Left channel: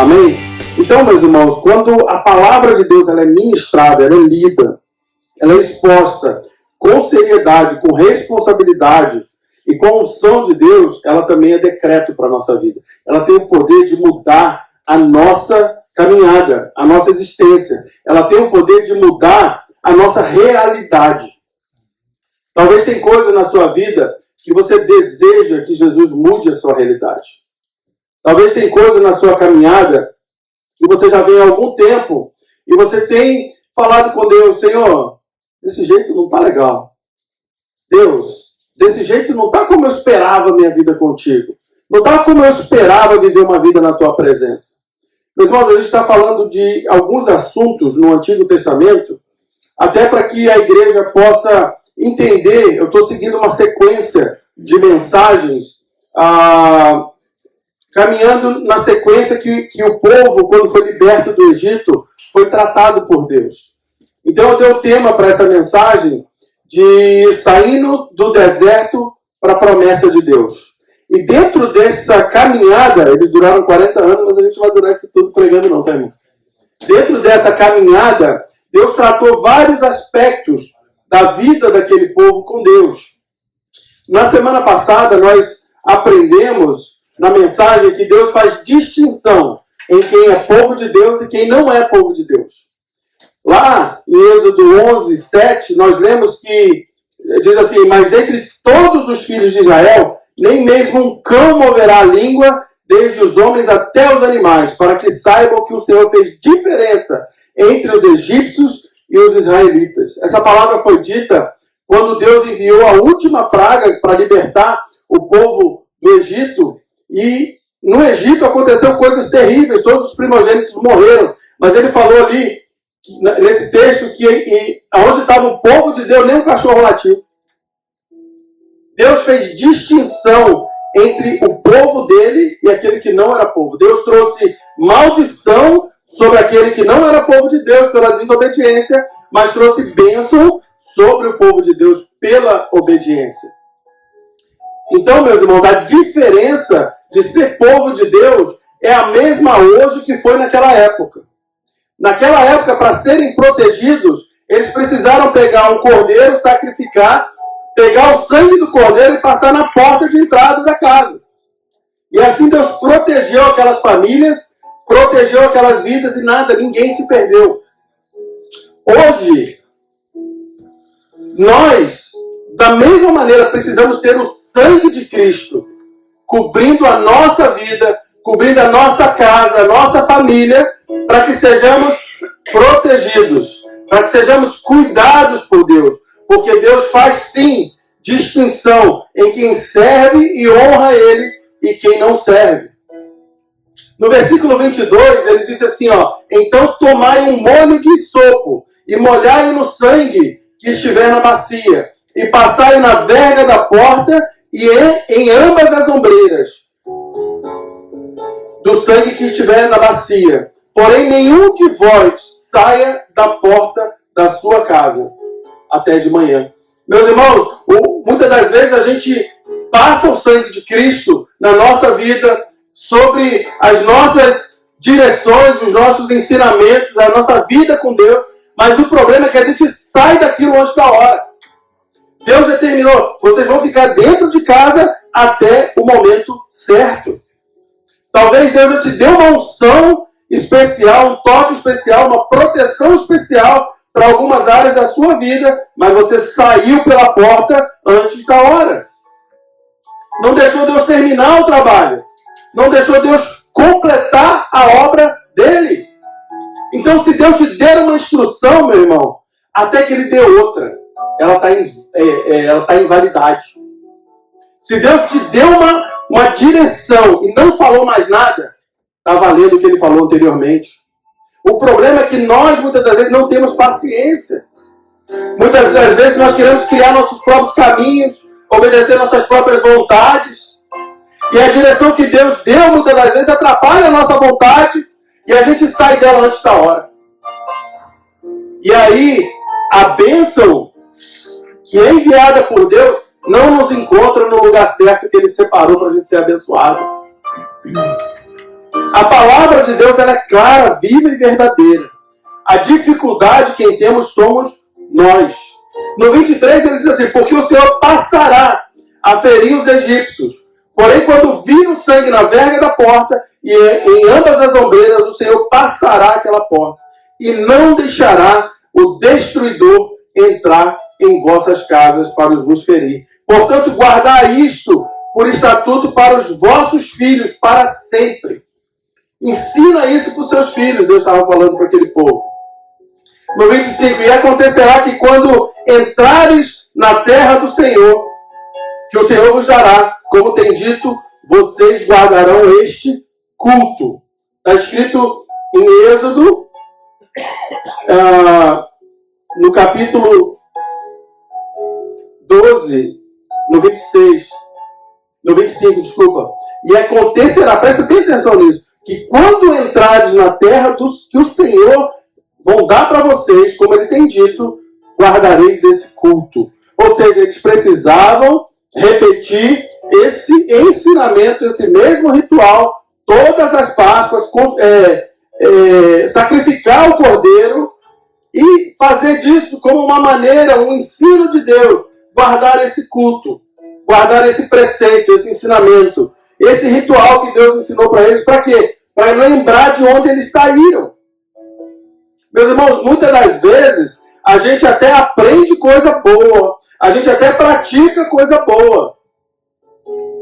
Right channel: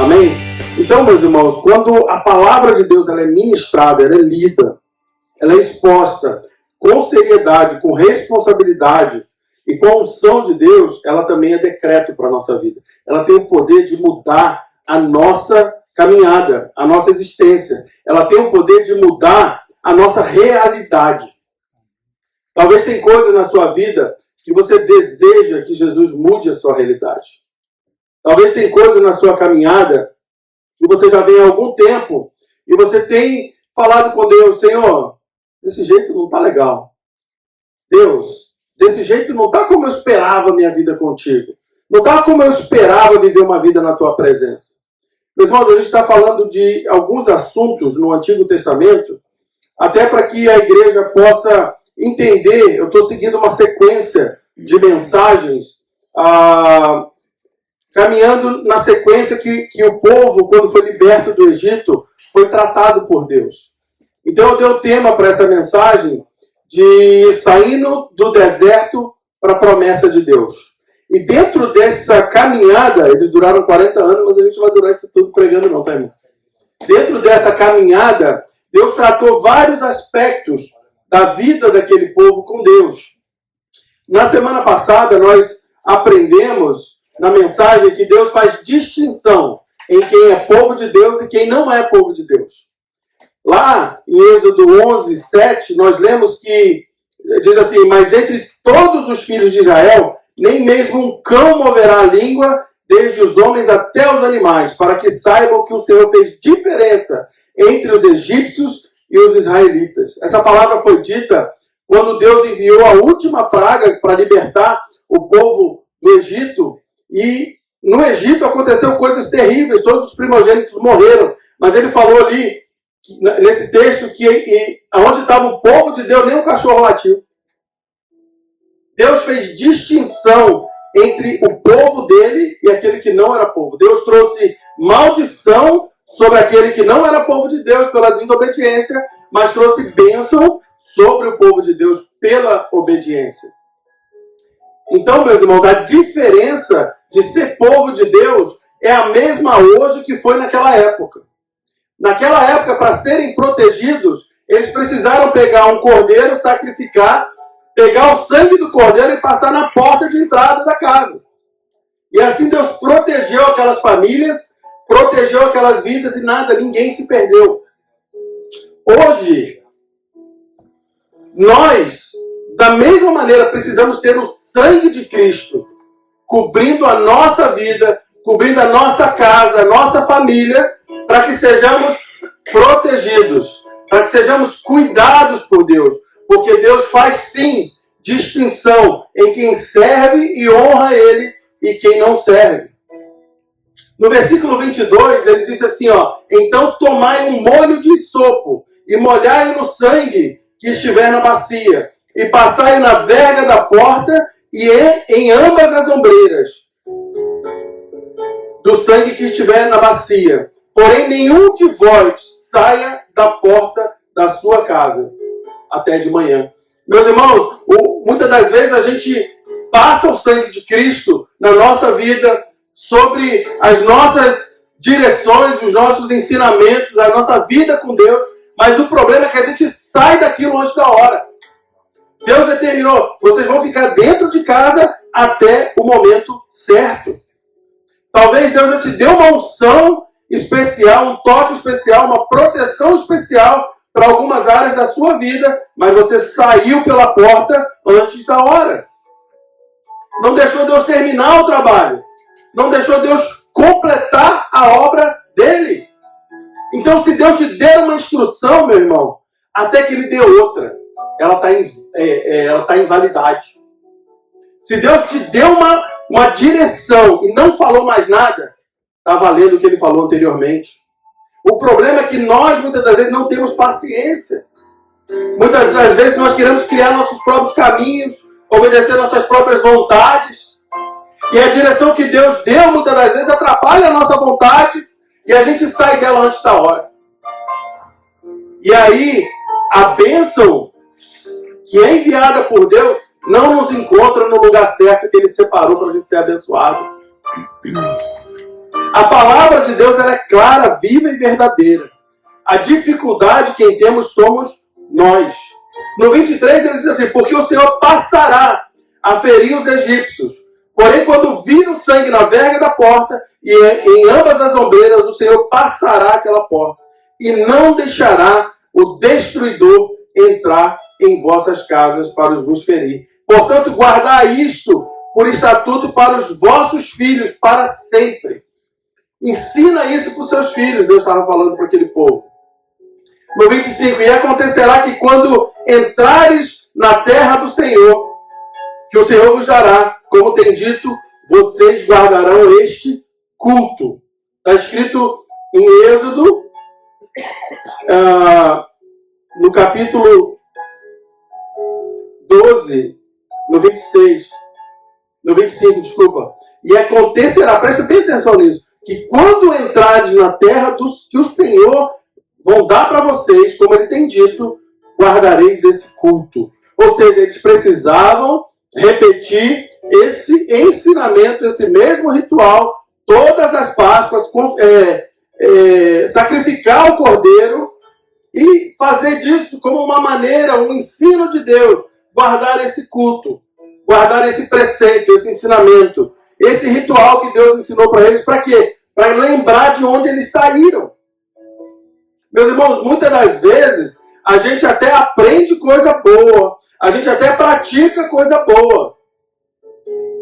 Amém? Então, meus irmãos, quando a palavra de Deus ela é ministrada, ela é lida, ela é exposta com seriedade, com responsabilidade e com a unção de Deus, ela também é decreto para a nossa vida. Ela tem o poder de mudar a nossa caminhada, a nossa existência. Ela tem o poder de mudar a nossa realidade. Talvez tem coisa na sua vida que você deseja que Jesus mude a sua realidade. Talvez tem coisa na sua caminhada que você já vem há algum tempo e você tem falado com Deus: Senhor, desse jeito não está legal. Deus, desse jeito não está como eu esperava a minha vida contigo. Não está como eu esperava viver uma vida na tua presença. Meus irmãos, a gente está falando de alguns assuntos no Antigo Testamento, até para que a igreja possa entender. Eu estou seguindo uma sequência de mensagens, caminhando na sequência que o povo, quando foi liberto do Egito, foi tratado por Deus. Então eu dei o tema para essa mensagem de saindo do deserto para a promessa de Deus. E dentro dessa caminhada, eles duraram 40 anos, mas a gente vai durar isso tudo pregando não, tá, irmão? Dentro dessa caminhada, Deus tratou vários aspectos da vida daquele povo com Deus. Na semana passada, nós aprendemos na mensagem que Deus faz distinção em quem é povo de Deus e quem não é povo de Deus. Lá em Êxodo 11, 7, nós lemos que diz assim: mas entre todos os filhos de Israel, nem mesmo um cão moverá a língua, desde os homens até os animais, para que saibam que o Senhor fez diferença entre os egípcios e os israelitas. Essa palavra foi dita quando Deus enviou a última praga para libertar o povo do Egito. E no Egito aconteceu coisas terríveis, todos os primogênitos morreram. Mas ele falou ali, nesse texto, que onde estava o povo de Deus, nem um cachorro latiu. Deus fez distinção entre o povo dele e aquele que não era povo. Deus trouxe maldição sobre aquele que não era povo de Deus pela desobediência, mas trouxe bênção sobre o povo de Deus pela obediência. Então, meus irmãos, a diferença de ser povo de Deus é a mesma hoje que foi naquela época. Naquela época, para serem protegidos, eles precisaram pegar um cordeiro, sacrificar, pegar o sangue do cordeiro e passar na porta de entrada da casa. E assim Deus protegeu aquelas famílias, protegeu aquelas vidas e nada, ninguém se perdeu. Hoje, nós, da mesma maneira, precisamos ter o sangue de Cristo cobrindo a nossa vida, cobrindo a nossa casa, a nossa família, para que sejamos protegidos, para que sejamos cuidados por Deus. Porque Deus faz, sim, distinção em quem serve e honra Ele e quem não serve. No versículo 22, ele disse assim, então tomai um molho de isopo e molhai no sangue que estiver na bacia e passai na verga da porta e em ambas as ombreiras do sangue que estiver na bacia. Porém, nenhum de vós saia da porta da sua casa até de manhã. Meus irmãos, muitas das vezes a gente passa o sangue de Cristo na nossa vida, sobre as nossas direções, os nossos ensinamentos, a nossa vida com Deus, mas o problema é que a gente sai daquilo antes da hora. Deus determinou, vocês vão ficar dentro de casa até o momento certo. Talvez Deus já te deu uma unção especial, um toque especial, uma proteção especial para algumas áreas da sua vida, mas você saiu pela porta antes da hora. Não deixou Deus terminar o trabalho. Não deixou Deus completar a obra dele. Então, se Deus te der uma instrução, meu irmão, até que ele dê outra, ela está em validade. Se Deus te deu uma direção e não falou mais nada, está valendo o que ele falou anteriormente. O problema é que nós, muitas das vezes, não temos paciência. Muitas das vezes, nós queremos criar nossos próprios caminhos, obedecer nossas próprias vontades. E a direção que Deus deu, muitas das vezes, atrapalha a nossa vontade e a gente sai dela antes da hora. E aí, a bênção que é enviada por Deus não nos encontra no lugar certo que Ele separou para a gente ser abençoado. A palavra de Deus ela é clara, viva e verdadeira. A dificuldade quem temos somos nós. No 23 ele diz assim, porque o Senhor passará a ferir os egípcios. Porém, quando vir o sangue na verga da porta e em ambas as ombreiras, o Senhor passará aquela porta e não deixará o destruidor entrar em vossas casas para vos ferir. Portanto, guardai isto por estatuto para os vossos filhos para sempre. Ensina isso para os seus filhos, Deus estava falando para aquele povo. No 25, e acontecerá que quando entrares na terra do Senhor, que o Senhor vos dará, como tem dito, vocês guardarão este culto. Está escrito em Êxodo, no capítulo 12, no 26, no 25, desculpa. E acontecerá, presta bem atenção nisso, que quando entrares na terra que o Senhor vão dar para vocês, como ele tem dito, guardareis esse culto. Ou seja, eles precisavam repetir esse ensinamento, esse mesmo ritual, todas as Páscoas, sacrificar o cordeiro e fazer disso como uma maneira, um ensino de Deus, guardar esse culto, guardar esse preceito, esse ensinamento, esse ritual que Deus ensinou para eles, para quê? Para lembrar de onde eles saíram. Meus irmãos, muitas das vezes, a gente até aprende coisa boa, a gente até pratica coisa boa,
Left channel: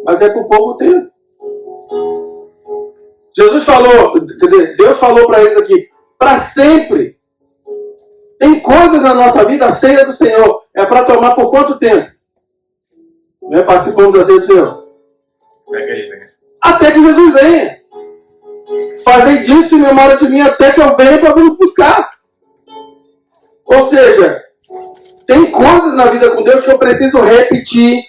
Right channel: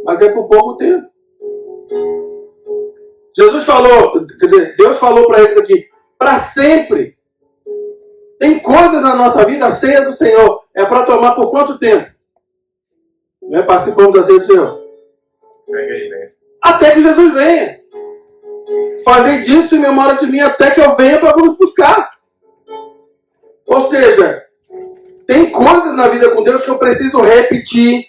mas é por pouco tempo. Jesus falou, quer dizer, Deus falou para eles aqui, para sempre. Tem coisas na nossa vida, a ceia do Senhor, é para tomar por quanto tempo? Né? Participamos da ceia do Senhor. Até que Jesus venha. Fazei disso em memória de mim até que eu venha para vos buscar. Ou seja, tem coisas na vida com Deus que eu preciso repetir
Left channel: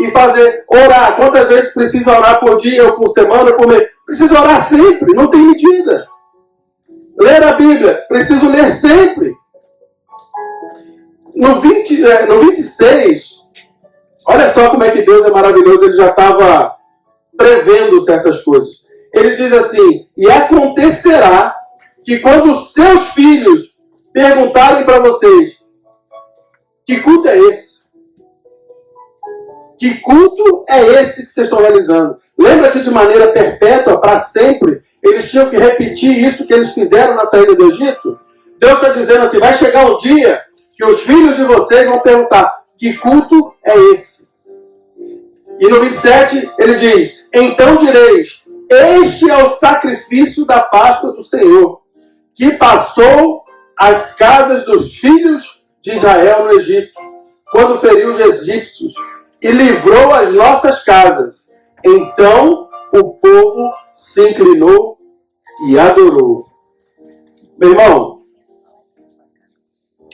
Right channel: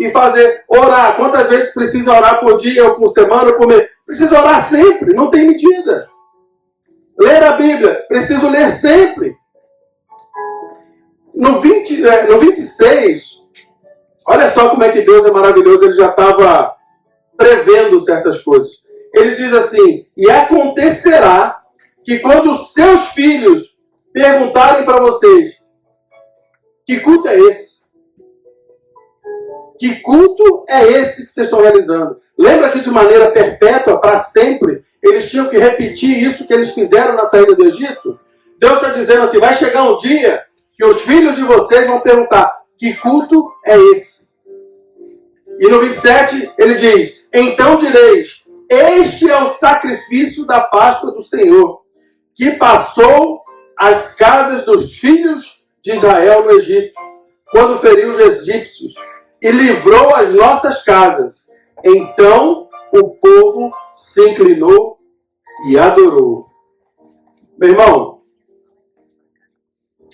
e fazer. Orar. Quantas vezes precisa orar por dia, ou por semana, ou por mês? Preciso orar sempre, não tem medida. Ler a Bíblia, preciso ler sempre. No 26, olha só como é que Deus é maravilhoso, ele já estava prevendo certas coisas. Ele diz assim, e acontecerá que quando seus filhos perguntarem para vocês, que culto é esse? Que culto é esse que vocês estão realizando? Lembra que de maneira perpétua, para sempre, eles tinham que repetir isso que eles fizeram na saída do Egito? Deus está dizendo assim, vai chegar um dia que os filhos de vocês vão perguntar, que culto é esse? E no 27 ele diz, então direis, este é o sacrifício da Páscoa do Senhor, que passou as casas dos filhos de Israel no Egito, quando feriu os egípcios, e livrou as nossas casas. Então o povo se inclinou e adorou. Meu irmão,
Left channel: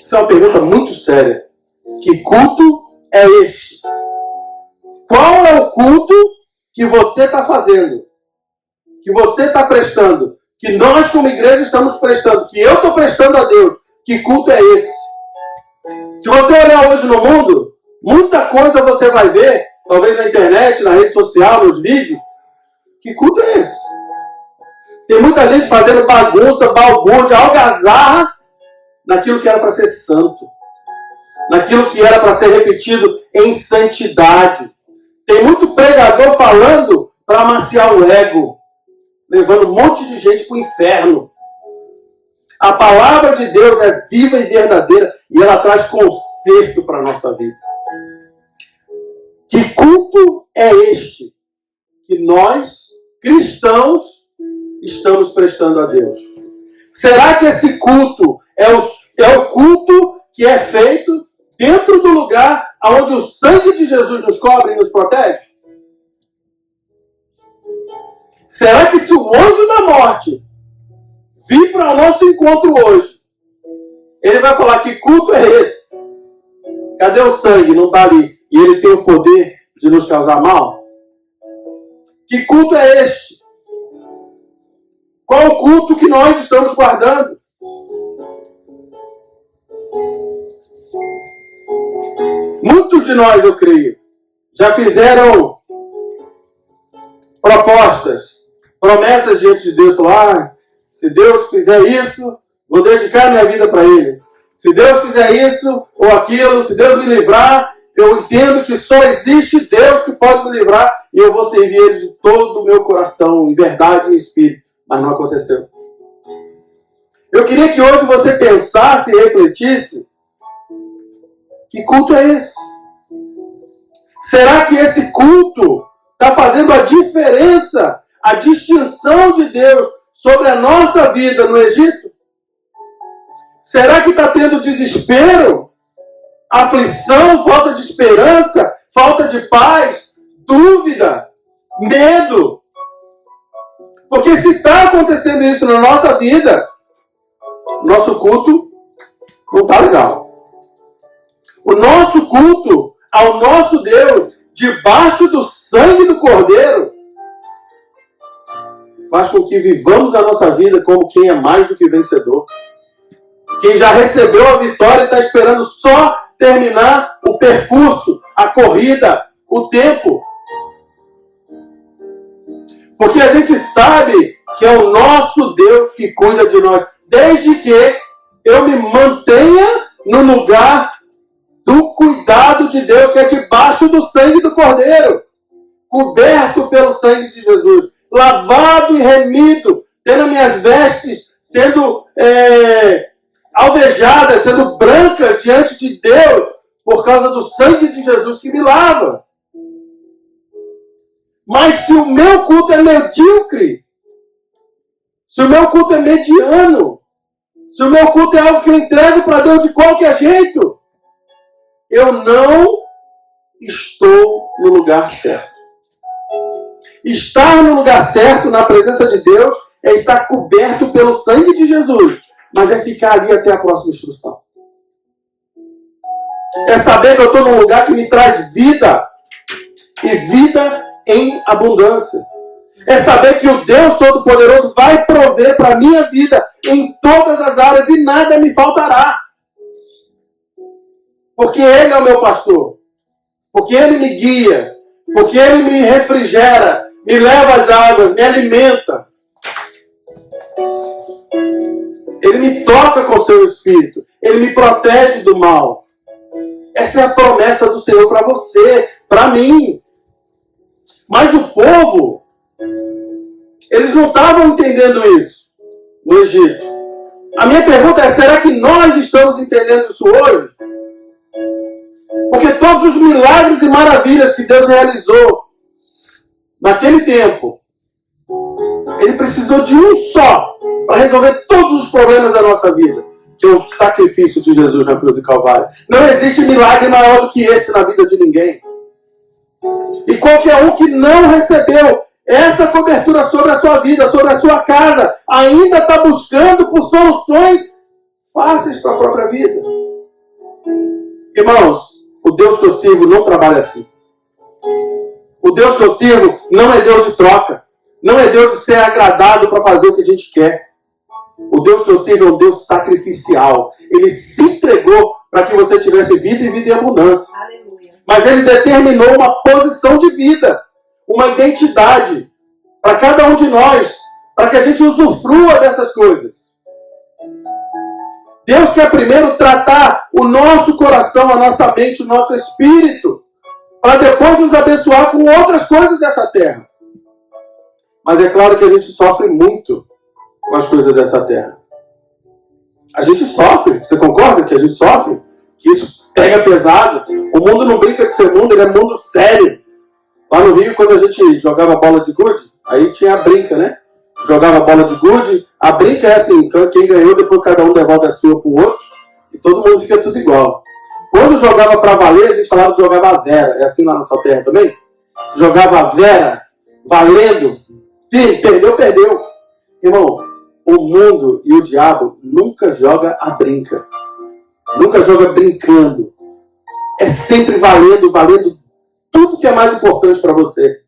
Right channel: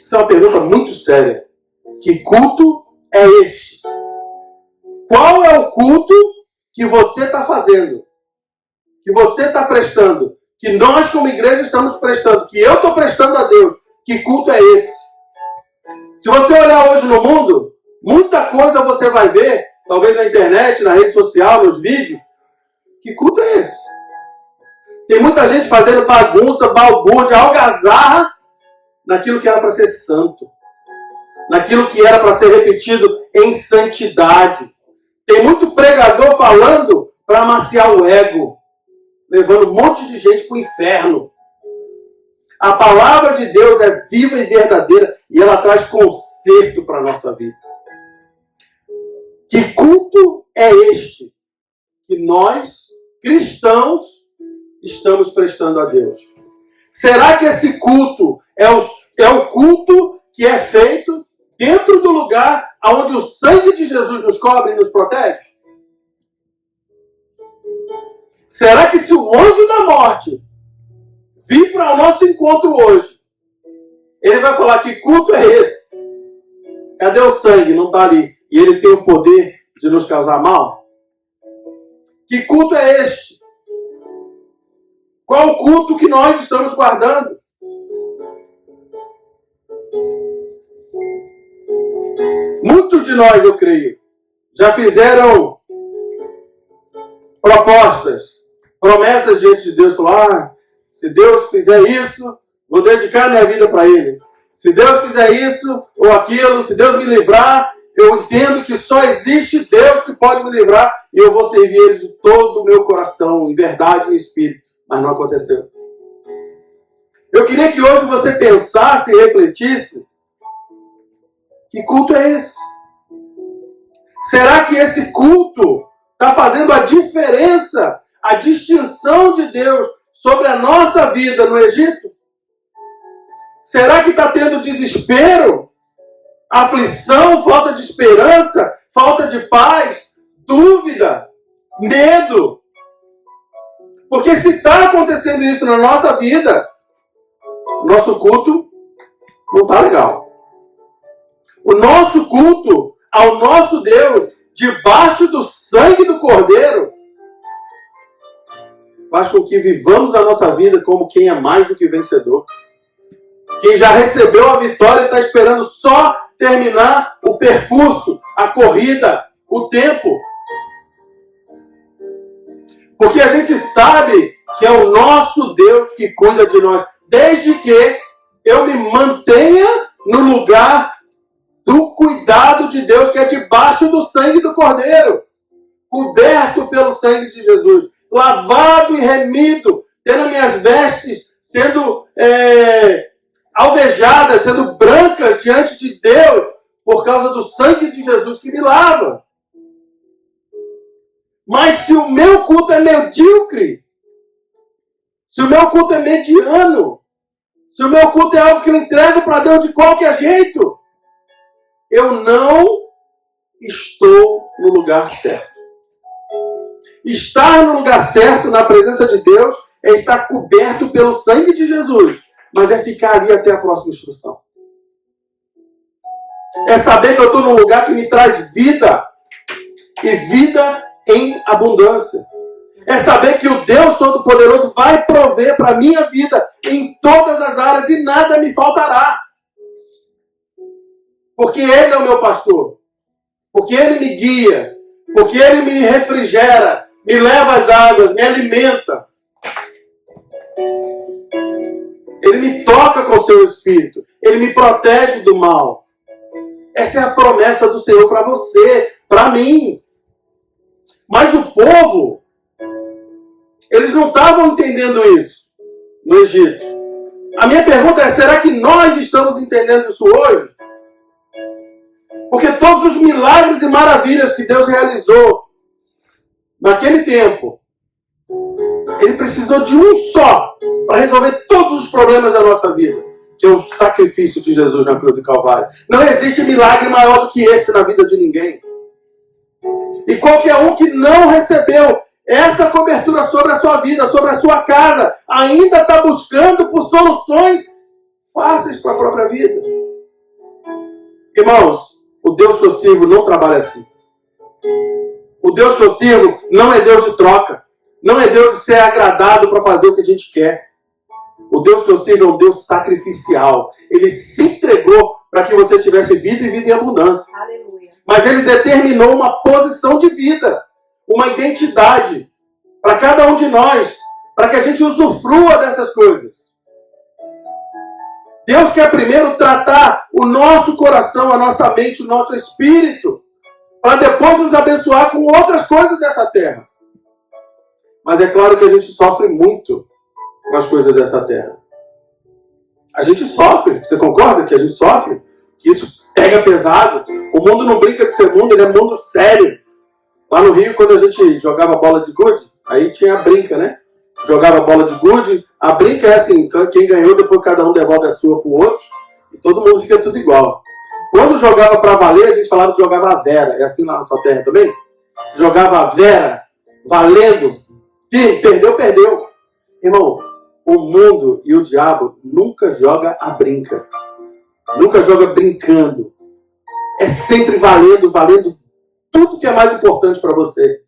isso é uma pergunta muito séria. Que culto é este? Qual é o culto que você está fazendo? Que você está prestando? Que nós como igreja estamos prestando? Que eu estou prestando a Deus? Que culto é esse? Se você olhar hoje no mundo, muita coisa você vai ver, talvez na internet, na rede social, nos vídeos. Que culto é esse? Tem muita gente fazendo bagunça, balbúrdia, algazarra, naquilo que era para ser santo. Naquilo que era para ser repetido em santidade. Tem muito pregador falando para amaciar o ego, levando um monte de gente para o inferno. A palavra de Deus é viva e verdadeira e ela traz conserto para a nossa vida. Que culto é este que nós, cristãos, estamos prestando a Deus? Será que esse culto é o culto que é feito dentro do lugar onde o sangue de Jesus nos cobre e nos protege? Será que se o anjo da morte vir para o nosso encontro hoje, ele vai falar, que culto é esse? Cadê o sangue? Não está ali. E ele tem o poder de nos causar mal? Que culto é este? Qual o culto que nós estamos guardando? Muitos de nós, eu creio, já fizeram propostas, promessas diante de Deus. Falar, se Deus fizer isso, vou dedicar minha vida para Ele. Se Deus fizer isso ou aquilo, se Deus me livrar, eu entendo que só existe Deus que pode me livrar e eu vou servir Ele de todo o meu coração, em verdade e em espírito. Mas não aconteceu. Eu queria que hoje você pensasse e refletisse: que culto é esse? Será que esse culto está fazendo a diferença, a distinção de Deus sobre a nossa vida no Egito? Será que está tendo desespero, aflição, falta de esperança, falta de paz, dúvida, medo? Porque se está acontecendo isso na nossa vida, nosso culto não está legal. O nosso culto ao nosso Deus, debaixo do sangue do Cordeiro, faz com que vivamos a nossa vida como quem é mais do que vencedor. Quem já recebeu a vitória está esperando só terminar o percurso, a corrida, o tempo. Porque a gente sabe que é o nosso Deus que cuida de nós. Desde que eu me mantenha no lugar do cuidado de Deus, que é debaixo do sangue do Cordeiro. Coberto pelo sangue de Jesus. Lavado e remido. Tendo minhas vestes sendo alvejadas, sendo brancas diante de Deus, por causa do sangue de Jesus que me lava. Mas se o meu culto é medíocre, se o meu culto é mediano, se o meu culto é algo que eu entrego para Deus de qualquer jeito, eu não estou no lugar certo. Estar no lugar certo, na presença de Deus, é estar coberto pelo sangue de Jesus. Mas é ficar ali até a próxima instrução. É saber que eu estou num lugar que me traz vida. E vida em abundância. É saber que o Deus Todo-Poderoso vai prover para a minha vida em todas as áreas e nada me faltará. Porque Ele é o meu pastor. Porque Ele me guia. Porque Ele me refrigera, me leva às águas, me alimenta. Ele me toca com o seu espírito. Ele me protege do mal. Essa é a promessa do Senhor para você, para mim. Mas o povo, eles não estavam entendendo isso no Egito. A minha pergunta é, será que nós estamos entendendo isso hoje? Porque todos os milagres e maravilhas que Deus realizou naquele tempo, Ele precisou de um só para resolver todos os problemas da nossa vida, que é o sacrifício de Jesus na cruz do Calvário. Não existe milagre maior do que esse na vida de ninguém. E qualquer um que não recebeu essa cobertura sobre a sua vida, sobre a sua casa, ainda está buscando por soluções fáceis para a própria vida. Irmãos, o Deus que eu sirvo não trabalha assim. O Deus que eu sirvo não é Deus de troca. Não é Deus de ser agradado para fazer o que a gente quer. O Deus que eu sirvo é um Deus sacrificial. Ele se entregou para que você tivesse vida e vida em abundância. Aleluia. Mas Ele determinou uma posição de vida, uma identidade para cada um de nós, para que a gente usufrua dessas coisas. Deus quer primeiro tratar o nosso coração, a nossa mente, o nosso espírito, para depois nos abençoar com outras coisas dessa terra. Mas é claro que a gente sofre muito com as coisas dessa terra. A gente sofre. Você concorda que a gente sofre? Que isso pega pesado. O mundo não brinca de ser mundo, ele é mundo sério. Lá no Rio, quando a gente jogava bola de gude, aí tinha a brinca, né? Jogava bola de gude. A brinca é assim, quem ganhou, depois cada um devolve a sua pro outro. E todo mundo fica tudo igual. Quando jogava para valer, a gente falava que jogava a vera. É assim lá na sua terra também? Jogava a vera, valendo. Sim, perdeu, perdeu. Irmão, o mundo e o diabo nunca joga a brinca. Nunca joga brincando. É sempre valendo, valendo tudo que é mais importante para você.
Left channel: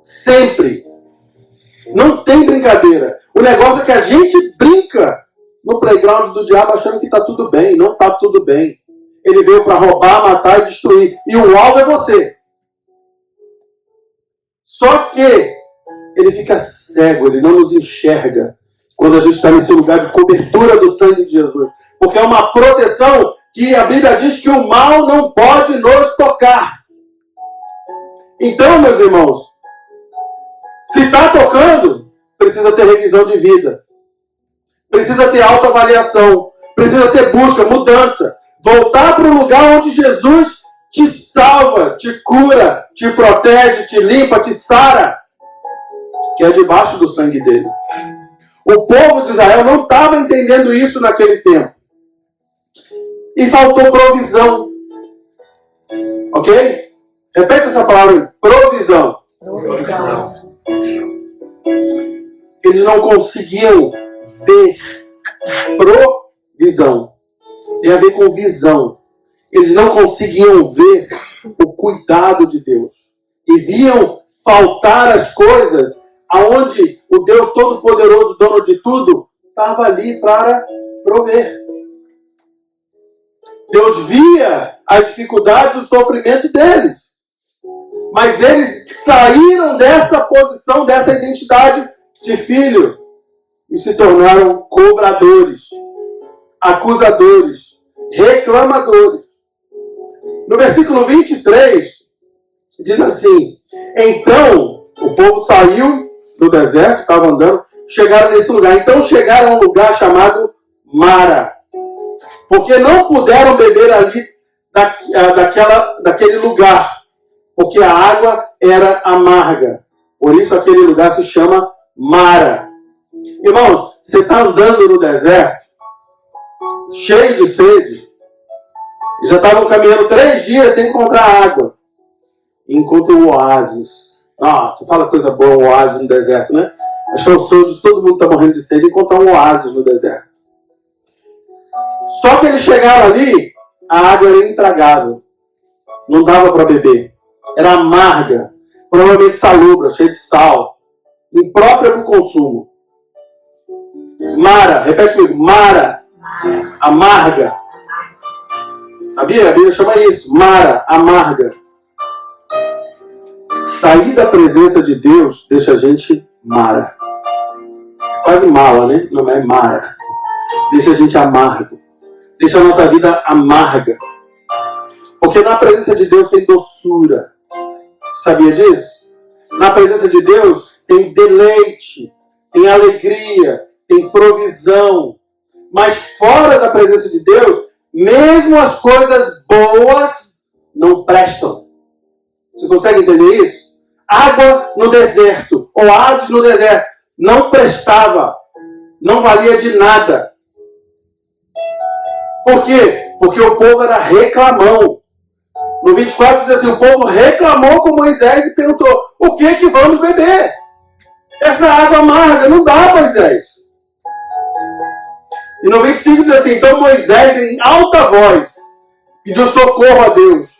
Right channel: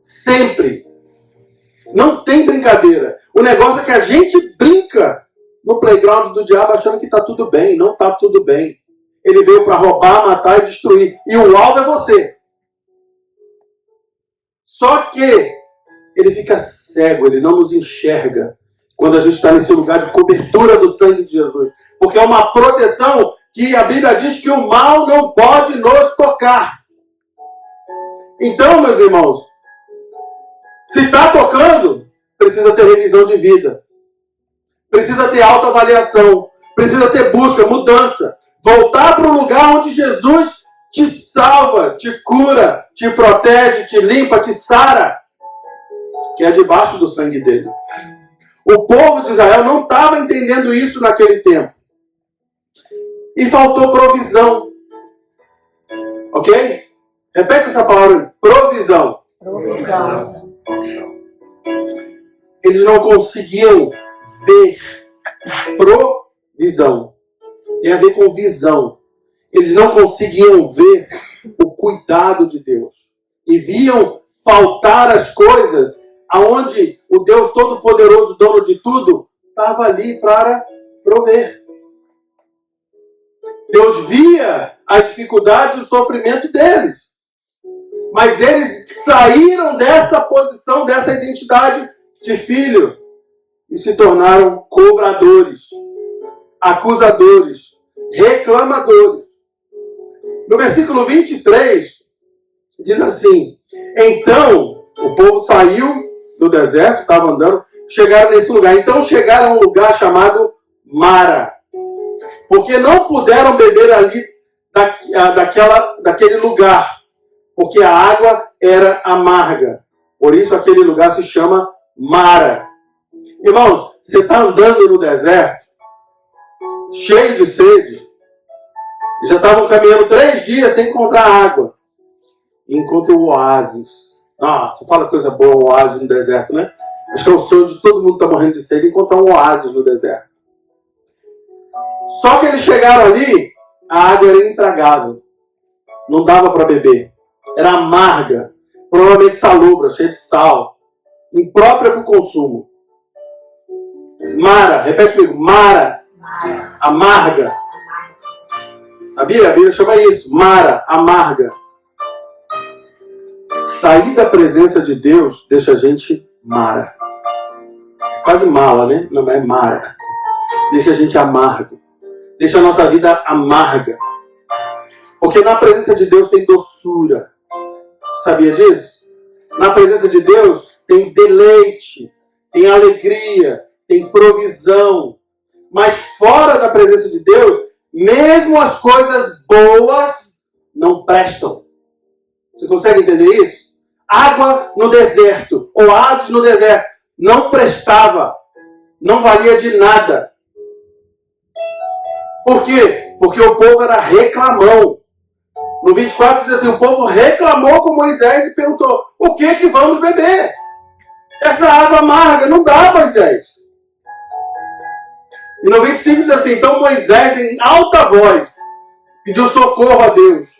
Sempre. Não tem brincadeira. O negócio é que a gente brinca no playground do diabo achando que está tudo bem. Não está tudo bem. Ele veio para roubar, matar e destruir. E o alvo é você. Só que ele fica cego, ele não nos enxerga quando a gente está nesse lugar de cobertura do sangue de Jesus. Porque é uma proteção que a Bíblia diz que o mal não pode nos tocar. Então, meus irmãos, se está tocando, precisa ter revisão de vida. Precisa ter autoavaliação. Precisa ter busca, mudança. Voltar para o lugar onde Jesus te salva, te cura, te protege, te limpa, te sara. Que é debaixo do sangue dele. O povo de Israel não estava entendendo isso naquele tempo. E faltou provisão. Ok? Repete essa palavra. Provisão. Provisão. Eles não conseguiam ver. Provisão. Tem a ver com visão. Eles não conseguiam ver o cuidado de Deus. E viam faltar as coisas aonde o Deus Todo-Poderoso, dono de tudo, estava ali para prover. Deus via as dificuldades e o sofrimento deles. Mas eles saíram dessa posição, dessa identidade de filho e se tornaram cobradores, acusadores, reclamadores. No versículo 23, diz assim: então, o povo saiu do deserto, estava andando, chegaram nesse lugar. Então chegaram a um lugar chamado Mara. Porque não puderam beber ali daquele lugar. Porque a água era amarga. Por isso aquele lugar se chama Mara. Irmãos, você está andando no deserto, cheio de sede. Já estavam caminhando 3 dias sem encontrar água. E encontra o oásis. Nossa, fala coisa boa, um oásis no deserto, né? Acho que é o sonho de todo mundo que está morrendo de sede, encontrar um oásis no deserto. Só que eles chegaram ali, a água era intragável. Não dava para beber. Era amarga, provavelmente salobra, cheia de sal, imprópria para o consumo. Mara, repete comigo, Mara, amarga. Sabia? A Bíblia chama isso, Mara, amarga. Sair da presença de Deus deixa a gente Mara. É quase mala, né? Não é Mara. Deixa a gente amargo. Deixa a nossa vida amarga. Porque na presença de Deus tem doçura. Sabia disso? Na presença de Deus tem deleite, tem alegria, tem provisão. Mas fora da presença de Deus, mesmo as coisas boas não prestam. Você consegue entender isso? Água no deserto, oásis no deserto, não prestava. Não valia de nada. Por quê? Porque o povo era reclamão. No 24 diz assim, o povo reclamou com Moisés e perguntou, o que vamos beber? Essa água amarga, não dá, Moisés. E no 25 diz assim, então Moisés em alta voz pediu socorro a Deus,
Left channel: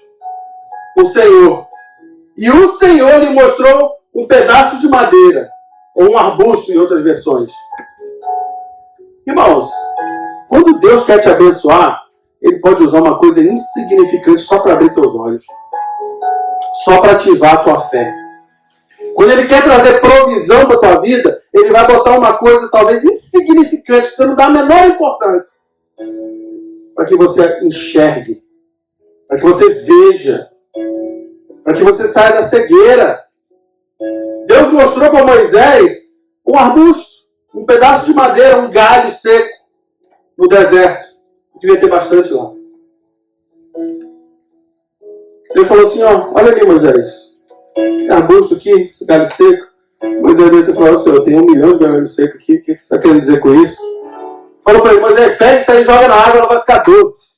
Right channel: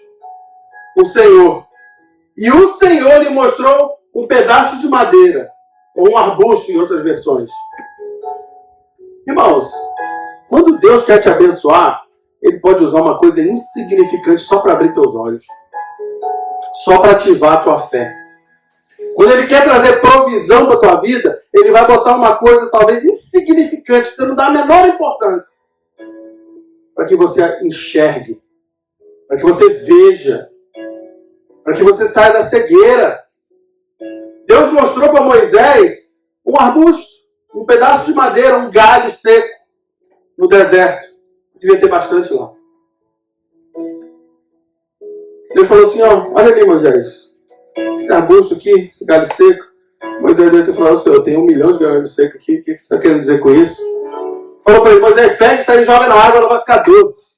o Senhor. E o Senhor lhe mostrou um pedaço de madeira, ou um arbusto em outras versões. Irmãos, quando Deus quer te abençoar, Ele pode usar uma coisa insignificante só para abrir teus olhos. Só para ativar a tua fé. Quando Ele quer trazer provisão para a tua vida, Ele vai botar uma coisa talvez insignificante, que você não dá a menor importância. Para que você enxergue. Para que você veja. Para que você saia da cegueira. Deus mostrou para Moisés um arbusto, um pedaço de madeira, um galho seco no deserto. Devia ter bastante lá. Ele falou assim, ó, olha ali, Moisés. Esse arbusto aqui, esse galho seco. Moisés deve ter falado, Senhor, eu tenho 1 milhão de galhos secos aqui. O que você está querendo dizer com isso? Falou para ele, Moisés, pega isso aí e joga na água, ela vai ficar doce.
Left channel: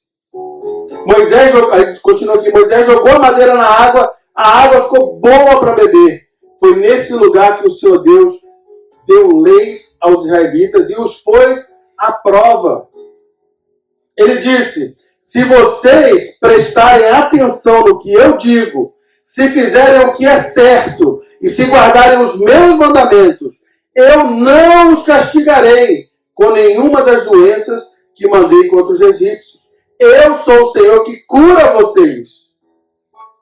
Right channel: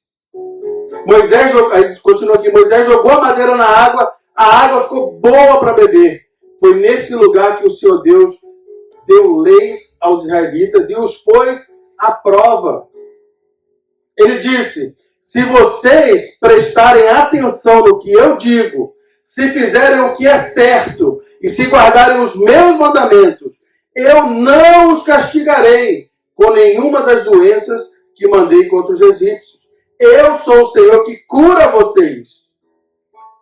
Moisés, aí continua aqui, Moisés jogou a madeira na água, a água ficou boa para beber. Foi nesse lugar que o Senhor Deus deu leis aos israelitas e os pôs à prova. Ele disse, se vocês prestarem atenção no que eu digo, se fizerem o que é certo e se guardarem os meus mandamentos, eu não os castigarei com nenhuma das doenças que mandei contra os egípcios. Eu sou o Senhor que cura vocês.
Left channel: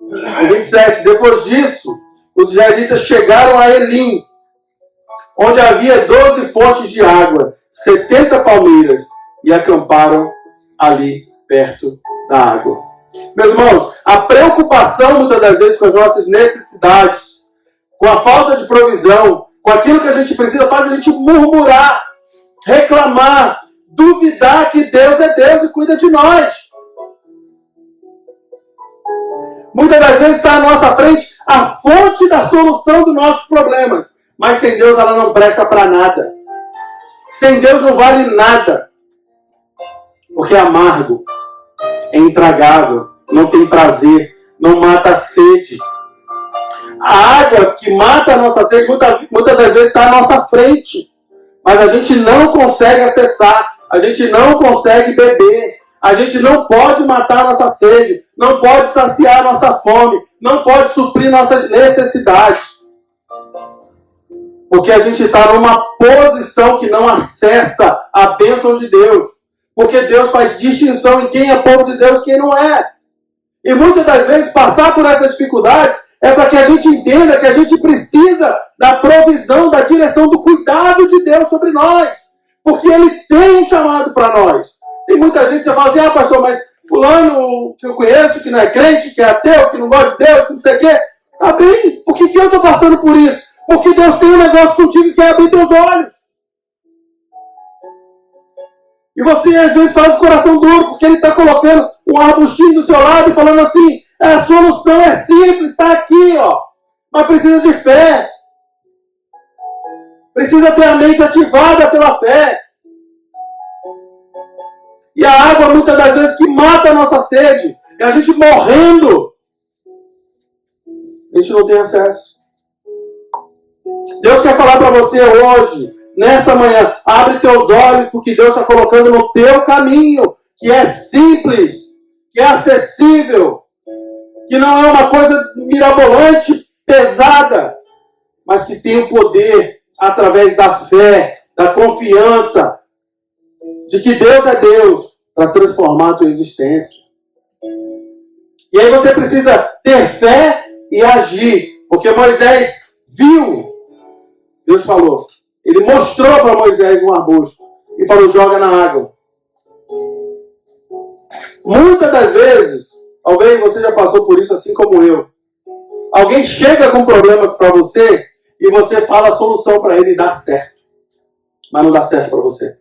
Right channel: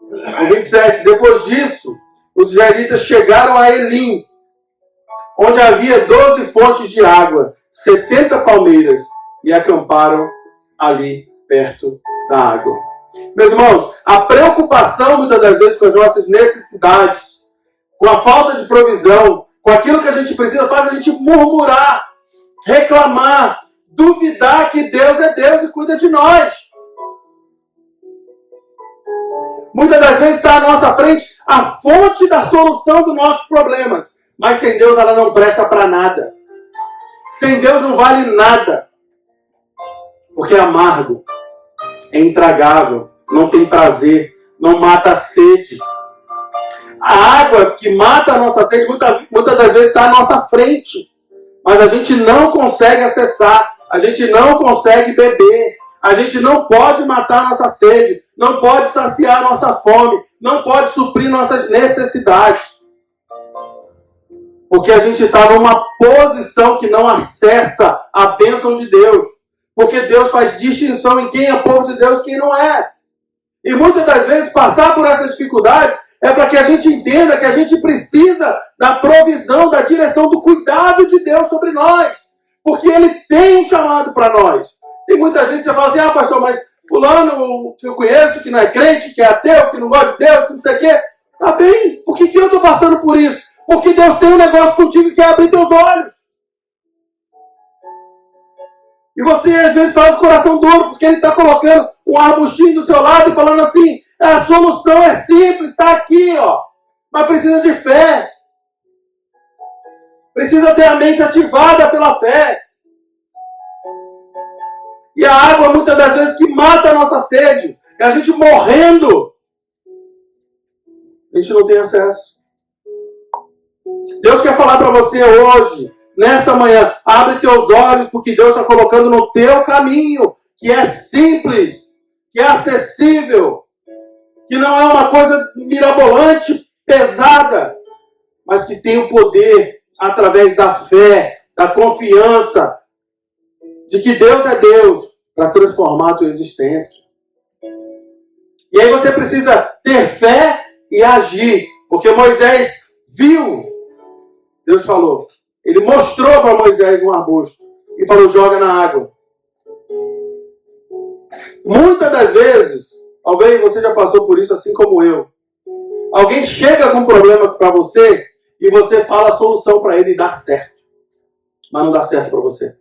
O 27, depois disso, os israelitas chegaram a Elim, onde havia 12 fontes de água, 70 palmeiras, e acamparam ali perto da água. Meus irmãos, a preocupação muitas das vezes com as nossas necessidades, com a falta de provisão, com aquilo que a gente precisa, faz a gente murmurar, reclamar, duvidar que Deus é Deus e cuida de nós. Muitas das vezes está à nossa frente a fonte da solução dos nossos problemas. Mas sem Deus ela não presta para nada. Sem Deus não vale nada. Porque é amargo, é intragável, não tem prazer, não mata a sede. A água que mata a nossa sede muitas das vezes está à nossa frente. Mas a gente não consegue acessar, a gente não consegue beber. A gente não pode matar a nossa sede, não pode saciar a nossa fome, não pode suprir nossas necessidades. Porque a gente está numa posição que não acessa a bênção de Deus. Porque Deus faz distinção em quem é povo de Deus e quem não é. E muitas das vezes passar por essas dificuldades é para que a gente entenda que a gente precisa da provisão, da direção, do cuidado de Deus sobre nós. Porque Ele tem um chamado para nós. Tem muita gente que fala assim, pastor, mas fulano que eu conheço, que não é crente, que é ateu, que não gosta de Deus, que não sei o quê. Tá bem, por que eu estou passando por isso? Porque Deus tem um negócio contigo que é abrir teus olhos. E você às vezes faz o coração duro, porque Ele está colocando um arbustinho do seu lado e falando assim, a solução é simples, está aqui, ó. Mas precisa de fé. Precisa ter a mente ativada pela fé. E a água, muitas das vezes, que mata a nossa sede. E a gente morrendo. A gente não tem acesso. Deus quer falar para você hoje, nessa manhã. Abre teus olhos, porque Deus está colocando no teu caminho. Que é simples. Que é acessível. Que não é uma coisa mirabolante, pesada. Mas que tem o poder, através da fé, da confiança, de que Deus é Deus, para transformar a tua existência. E aí você precisa ter fé e agir. Porque Moisés viu, Deus falou, Ele mostrou para Moisés um arbusto e falou, joga na água. Muitas das vezes, talvez você já passou por isso assim como eu. Alguém chega com um problema para você e você fala a solução para ele e dá certo. Mas não dá certo para você.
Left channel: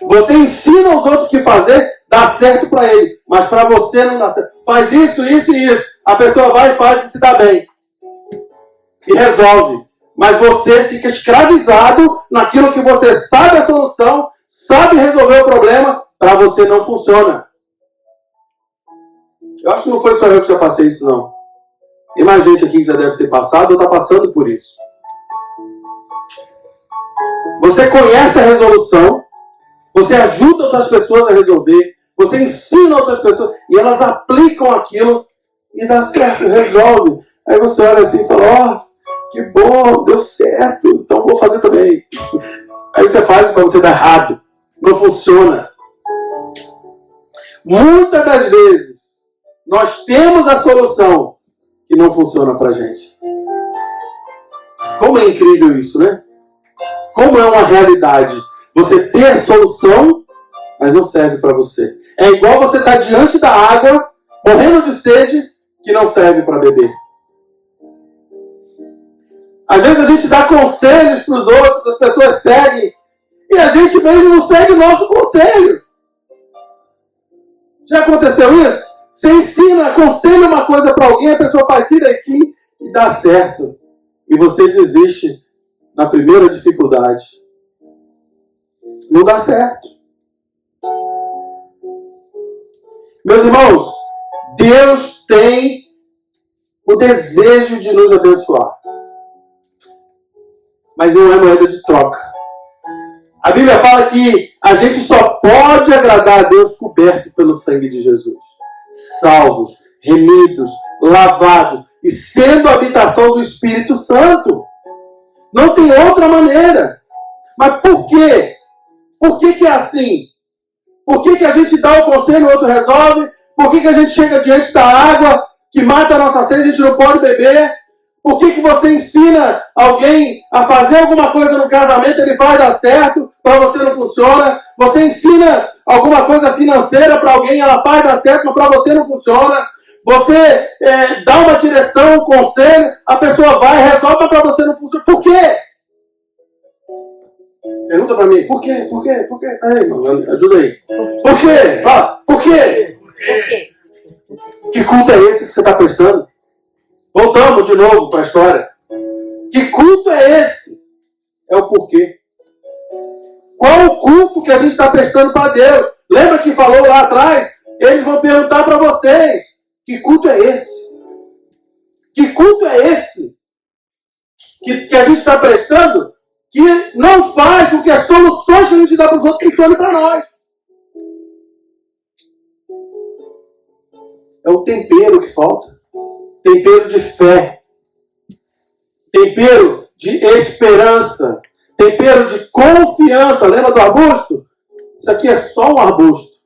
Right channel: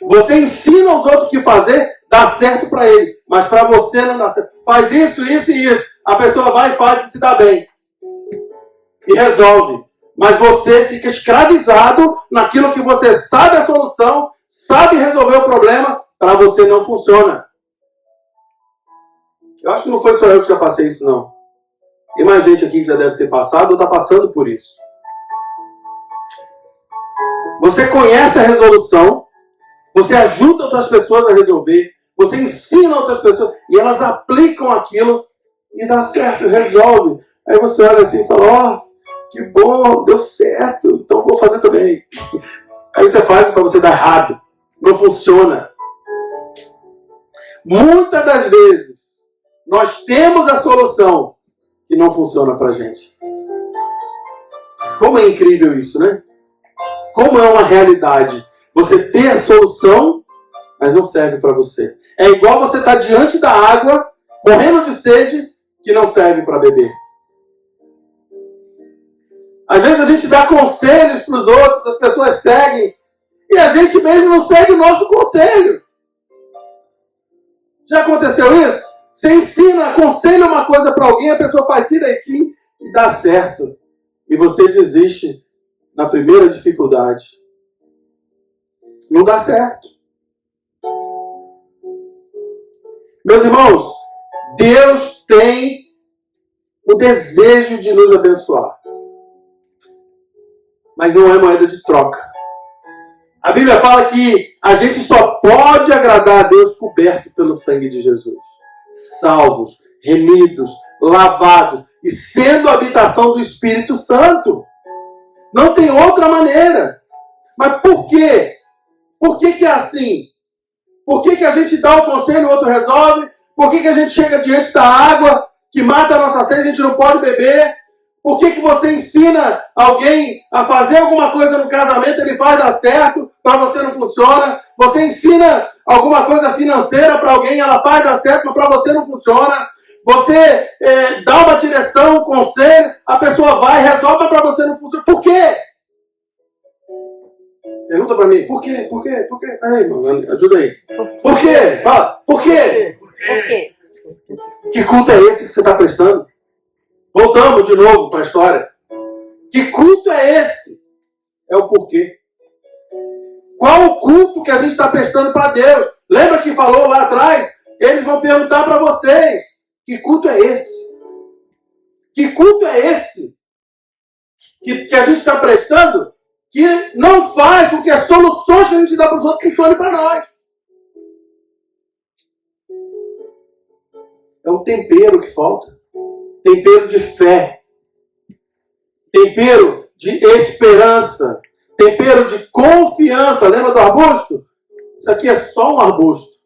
Você ensina aos outros o que fazer, dá certo para ele. Mas para você não dá certo. Faz isso, isso e isso. A pessoa vai e faz e se dá bem. E resolve. Mas você fica escravizado naquilo que você sabe a solução, sabe resolver o problema, para você não funciona. Eu acho que não foi só eu que já passei isso, não. Tem mais gente aqui que já deve ter passado ou está passando por isso. Você conhece a resolução, você ajuda outras pessoas a resolver, você ensina outras pessoas e elas aplicam aquilo e dá certo, resolve. Aí você olha assim e fala, que bom, deu certo, então vou fazer também. Aí você faz para você dar errado, não funciona. Muitas das vezes, nós temos a solução que não funciona para a gente. Como é incrível isso, né? Como é uma realidade. Você ter a solução, mas não serve para você. É igual você estar diante da água, morrendo de sede, que não serve para beber. Às vezes a gente dá conselhos para os outros, as pessoas seguem, e a gente mesmo não segue o nosso conselho. Já aconteceu isso? Você ensina, aconselha uma coisa para alguém, a pessoa faz direitinho e dá certo. E você desiste na primeira dificuldade. Não dá certo. Meus irmãos, Deus tem o desejo de nos abençoar. Mas não é moeda de troca. A Bíblia fala que a gente só pode agradar a Deus coberto pelo sangue de Jesus. Salvos, remidos, lavados e sendo a habitação do Espírito Santo. Não tem outra maneira. Mas por quê? Por que é assim? Por que a gente dá o conselho e o outro resolve? Por que a gente chega diante da água que mata a nossa sede e a gente não pode beber? Por que você ensina alguém a fazer alguma coisa no casamento, ele vai dar certo, para você não funciona? Você ensina alguma coisa financeira para alguém, ela vai dar certo, mas para você não funciona? Você dá uma direção, um conselho, a pessoa vai, resolve, mas para você não funciona. Por quê? Pergunta para mim, por quê? Por quê? Por quê? Aí, mano, ajuda aí. Por quê? Fala, por quê? Por quê? Que culto é esse que você está prestando? Voltamos de novo para a história. Que culto é esse? É o porquê. Qual o culto que a gente está prestando para Deus? Lembra que falou lá atrás? Eles vão perguntar para vocês. Que culto é esse? Que culto é esse? Que a gente está prestando? Que não faz com que as soluções que a gente dá para os outros funcionem para nós. É o tempero que falta. Tempero de fé. Tempero de esperança. Tempero de confiança. Lembra do arbusto? Isso aqui é só um arbusto.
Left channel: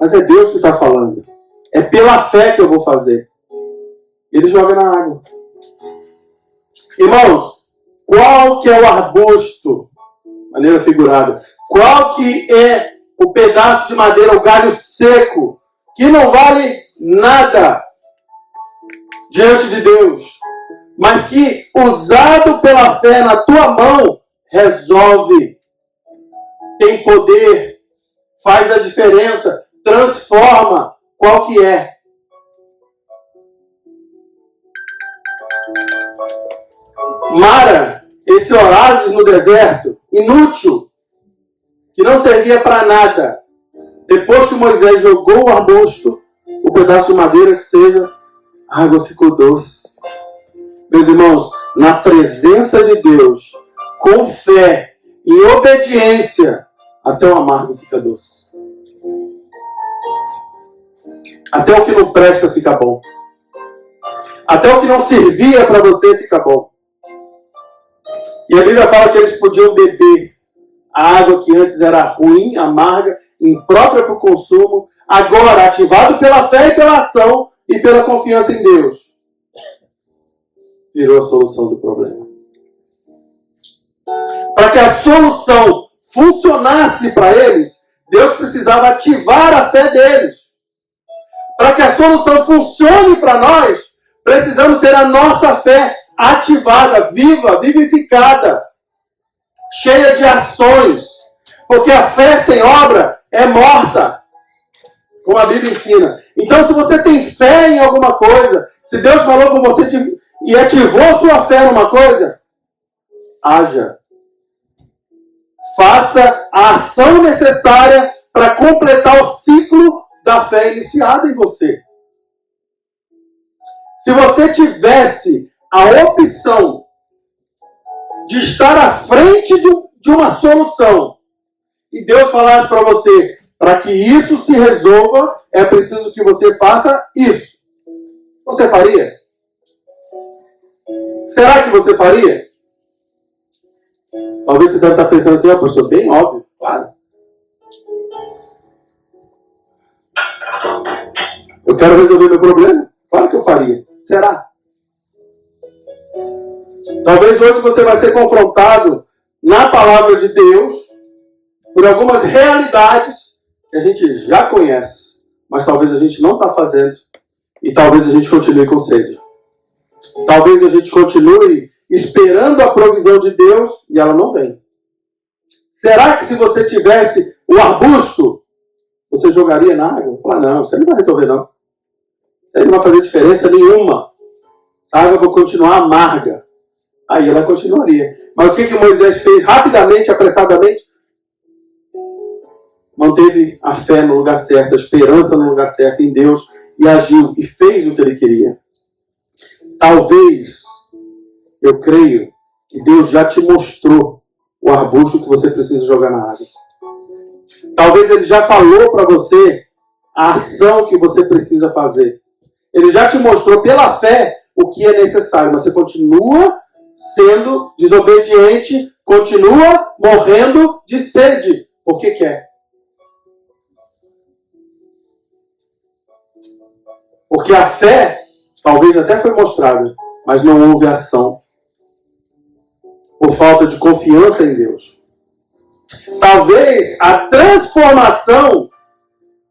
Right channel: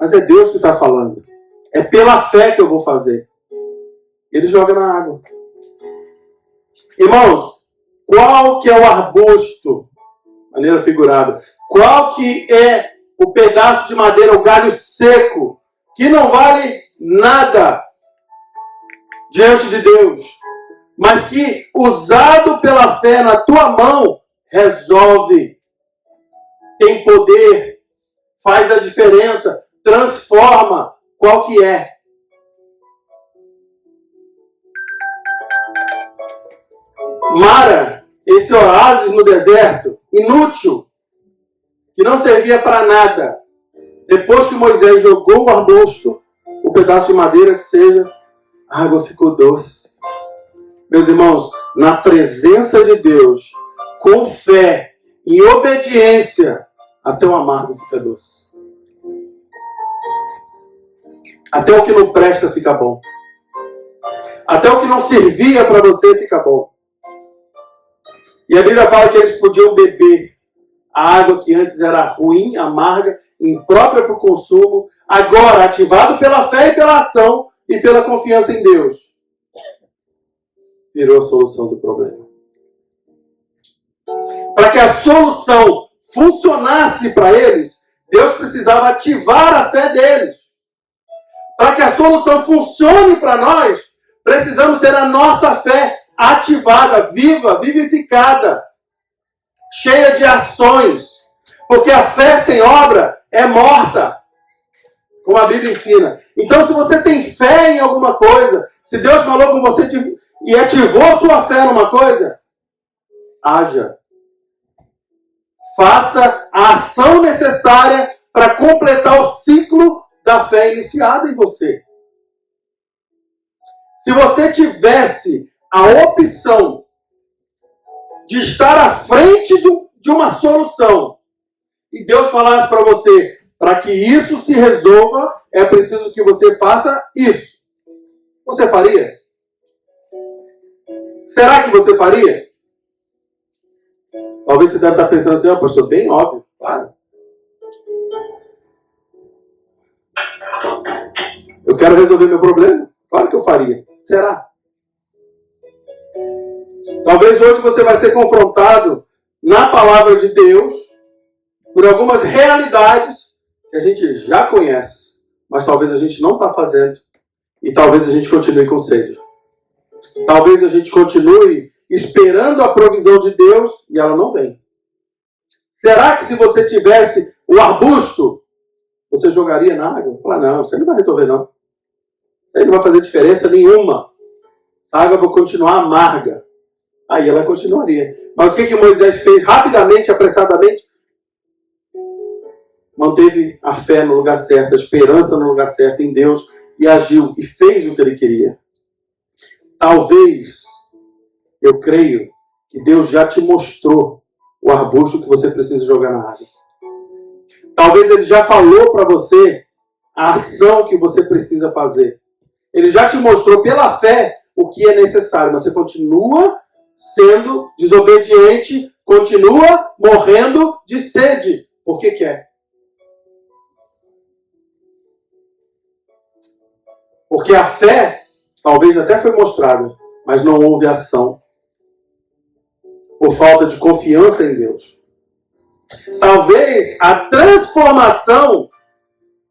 Mas é Deus que está falando. É pela fé que eu vou fazer. Ele joga na água. Irmãos, qual que é o arbusto? Maneira figurada. Qual que é o pedaço de madeira, o galho seco, que não vale nada diante de Deus, mas que, usado pela fé na tua mão, resolve, tem poder, faz a diferença, transforma. Qual que é? Mara, esse oásis no deserto, inútil, que não servia para nada. Depois que Moisés jogou o arbusto, o pedaço de madeira que seja, a água ficou doce. Meus irmãos, na presença de Deus, com fé e obediência, até o amargo fica doce. Até o que não presta fica bom. Até o que não servia para você fica bom. E a Bíblia fala que eles podiam beber a água que antes era ruim, amarga, imprópria para o consumo, agora ativado pela fé e pela ação e pela confiança em Deus, virou a solução do problema. Para que a solução funcionasse para eles, Deus precisava ativar a fé deles. Para que a solução funcione para nós, precisamos ter a nossa fé ativada, viva, vivificada, cheia de ações. Porque a fé sem obra é morta, como a Bíblia ensina. Então, se você tem fé em alguma coisa, se Deus falou com você e ativou sua fé numa coisa, haja. Faça a ação necessária para completar o ciclo da fé iniciada em você. Se você tivesse a opção de estar à frente de uma solução e Deus falasse para você, para que isso se resolva, é preciso que você faça isso. Você faria? Será que você faria? Talvez você deve estar pensando assim, pastor, bem óbvio, claro. Eu quero resolver meu problema? Claro que eu faria. Será? Talvez hoje você vai ser confrontado na palavra de Deus por algumas realidades que a gente já conhece, mas talvez a gente não está fazendo e talvez a gente continue com sede. Talvez a gente continue esperando a provisão de Deus e ela não vem. Será que se você tivesse o arbusto, você jogaria na água? Fala, não, isso aí não vai resolver não. Isso aí não vai fazer diferença nenhuma. Essa água vai continuar amarga. Aí ela continuaria. Mas o que Moisés fez rapidamente, apressadamente? Manteve a fé no lugar certo, a esperança no lugar certo em Deus e agiu e fez o que ele queria. Talvez, eu creio, que Deus já te mostrou o arbusto que você precisa jogar na água. Talvez ele já falou para você a ação que você precisa fazer. Ele já te mostrou pela fé o que é necessário. Você continua sendo desobediente, continua morrendo de sede. Por que quer? Porque a fé, talvez até foi mostrada, mas não houve ação. Por falta de confiança em Deus. Talvez a transformação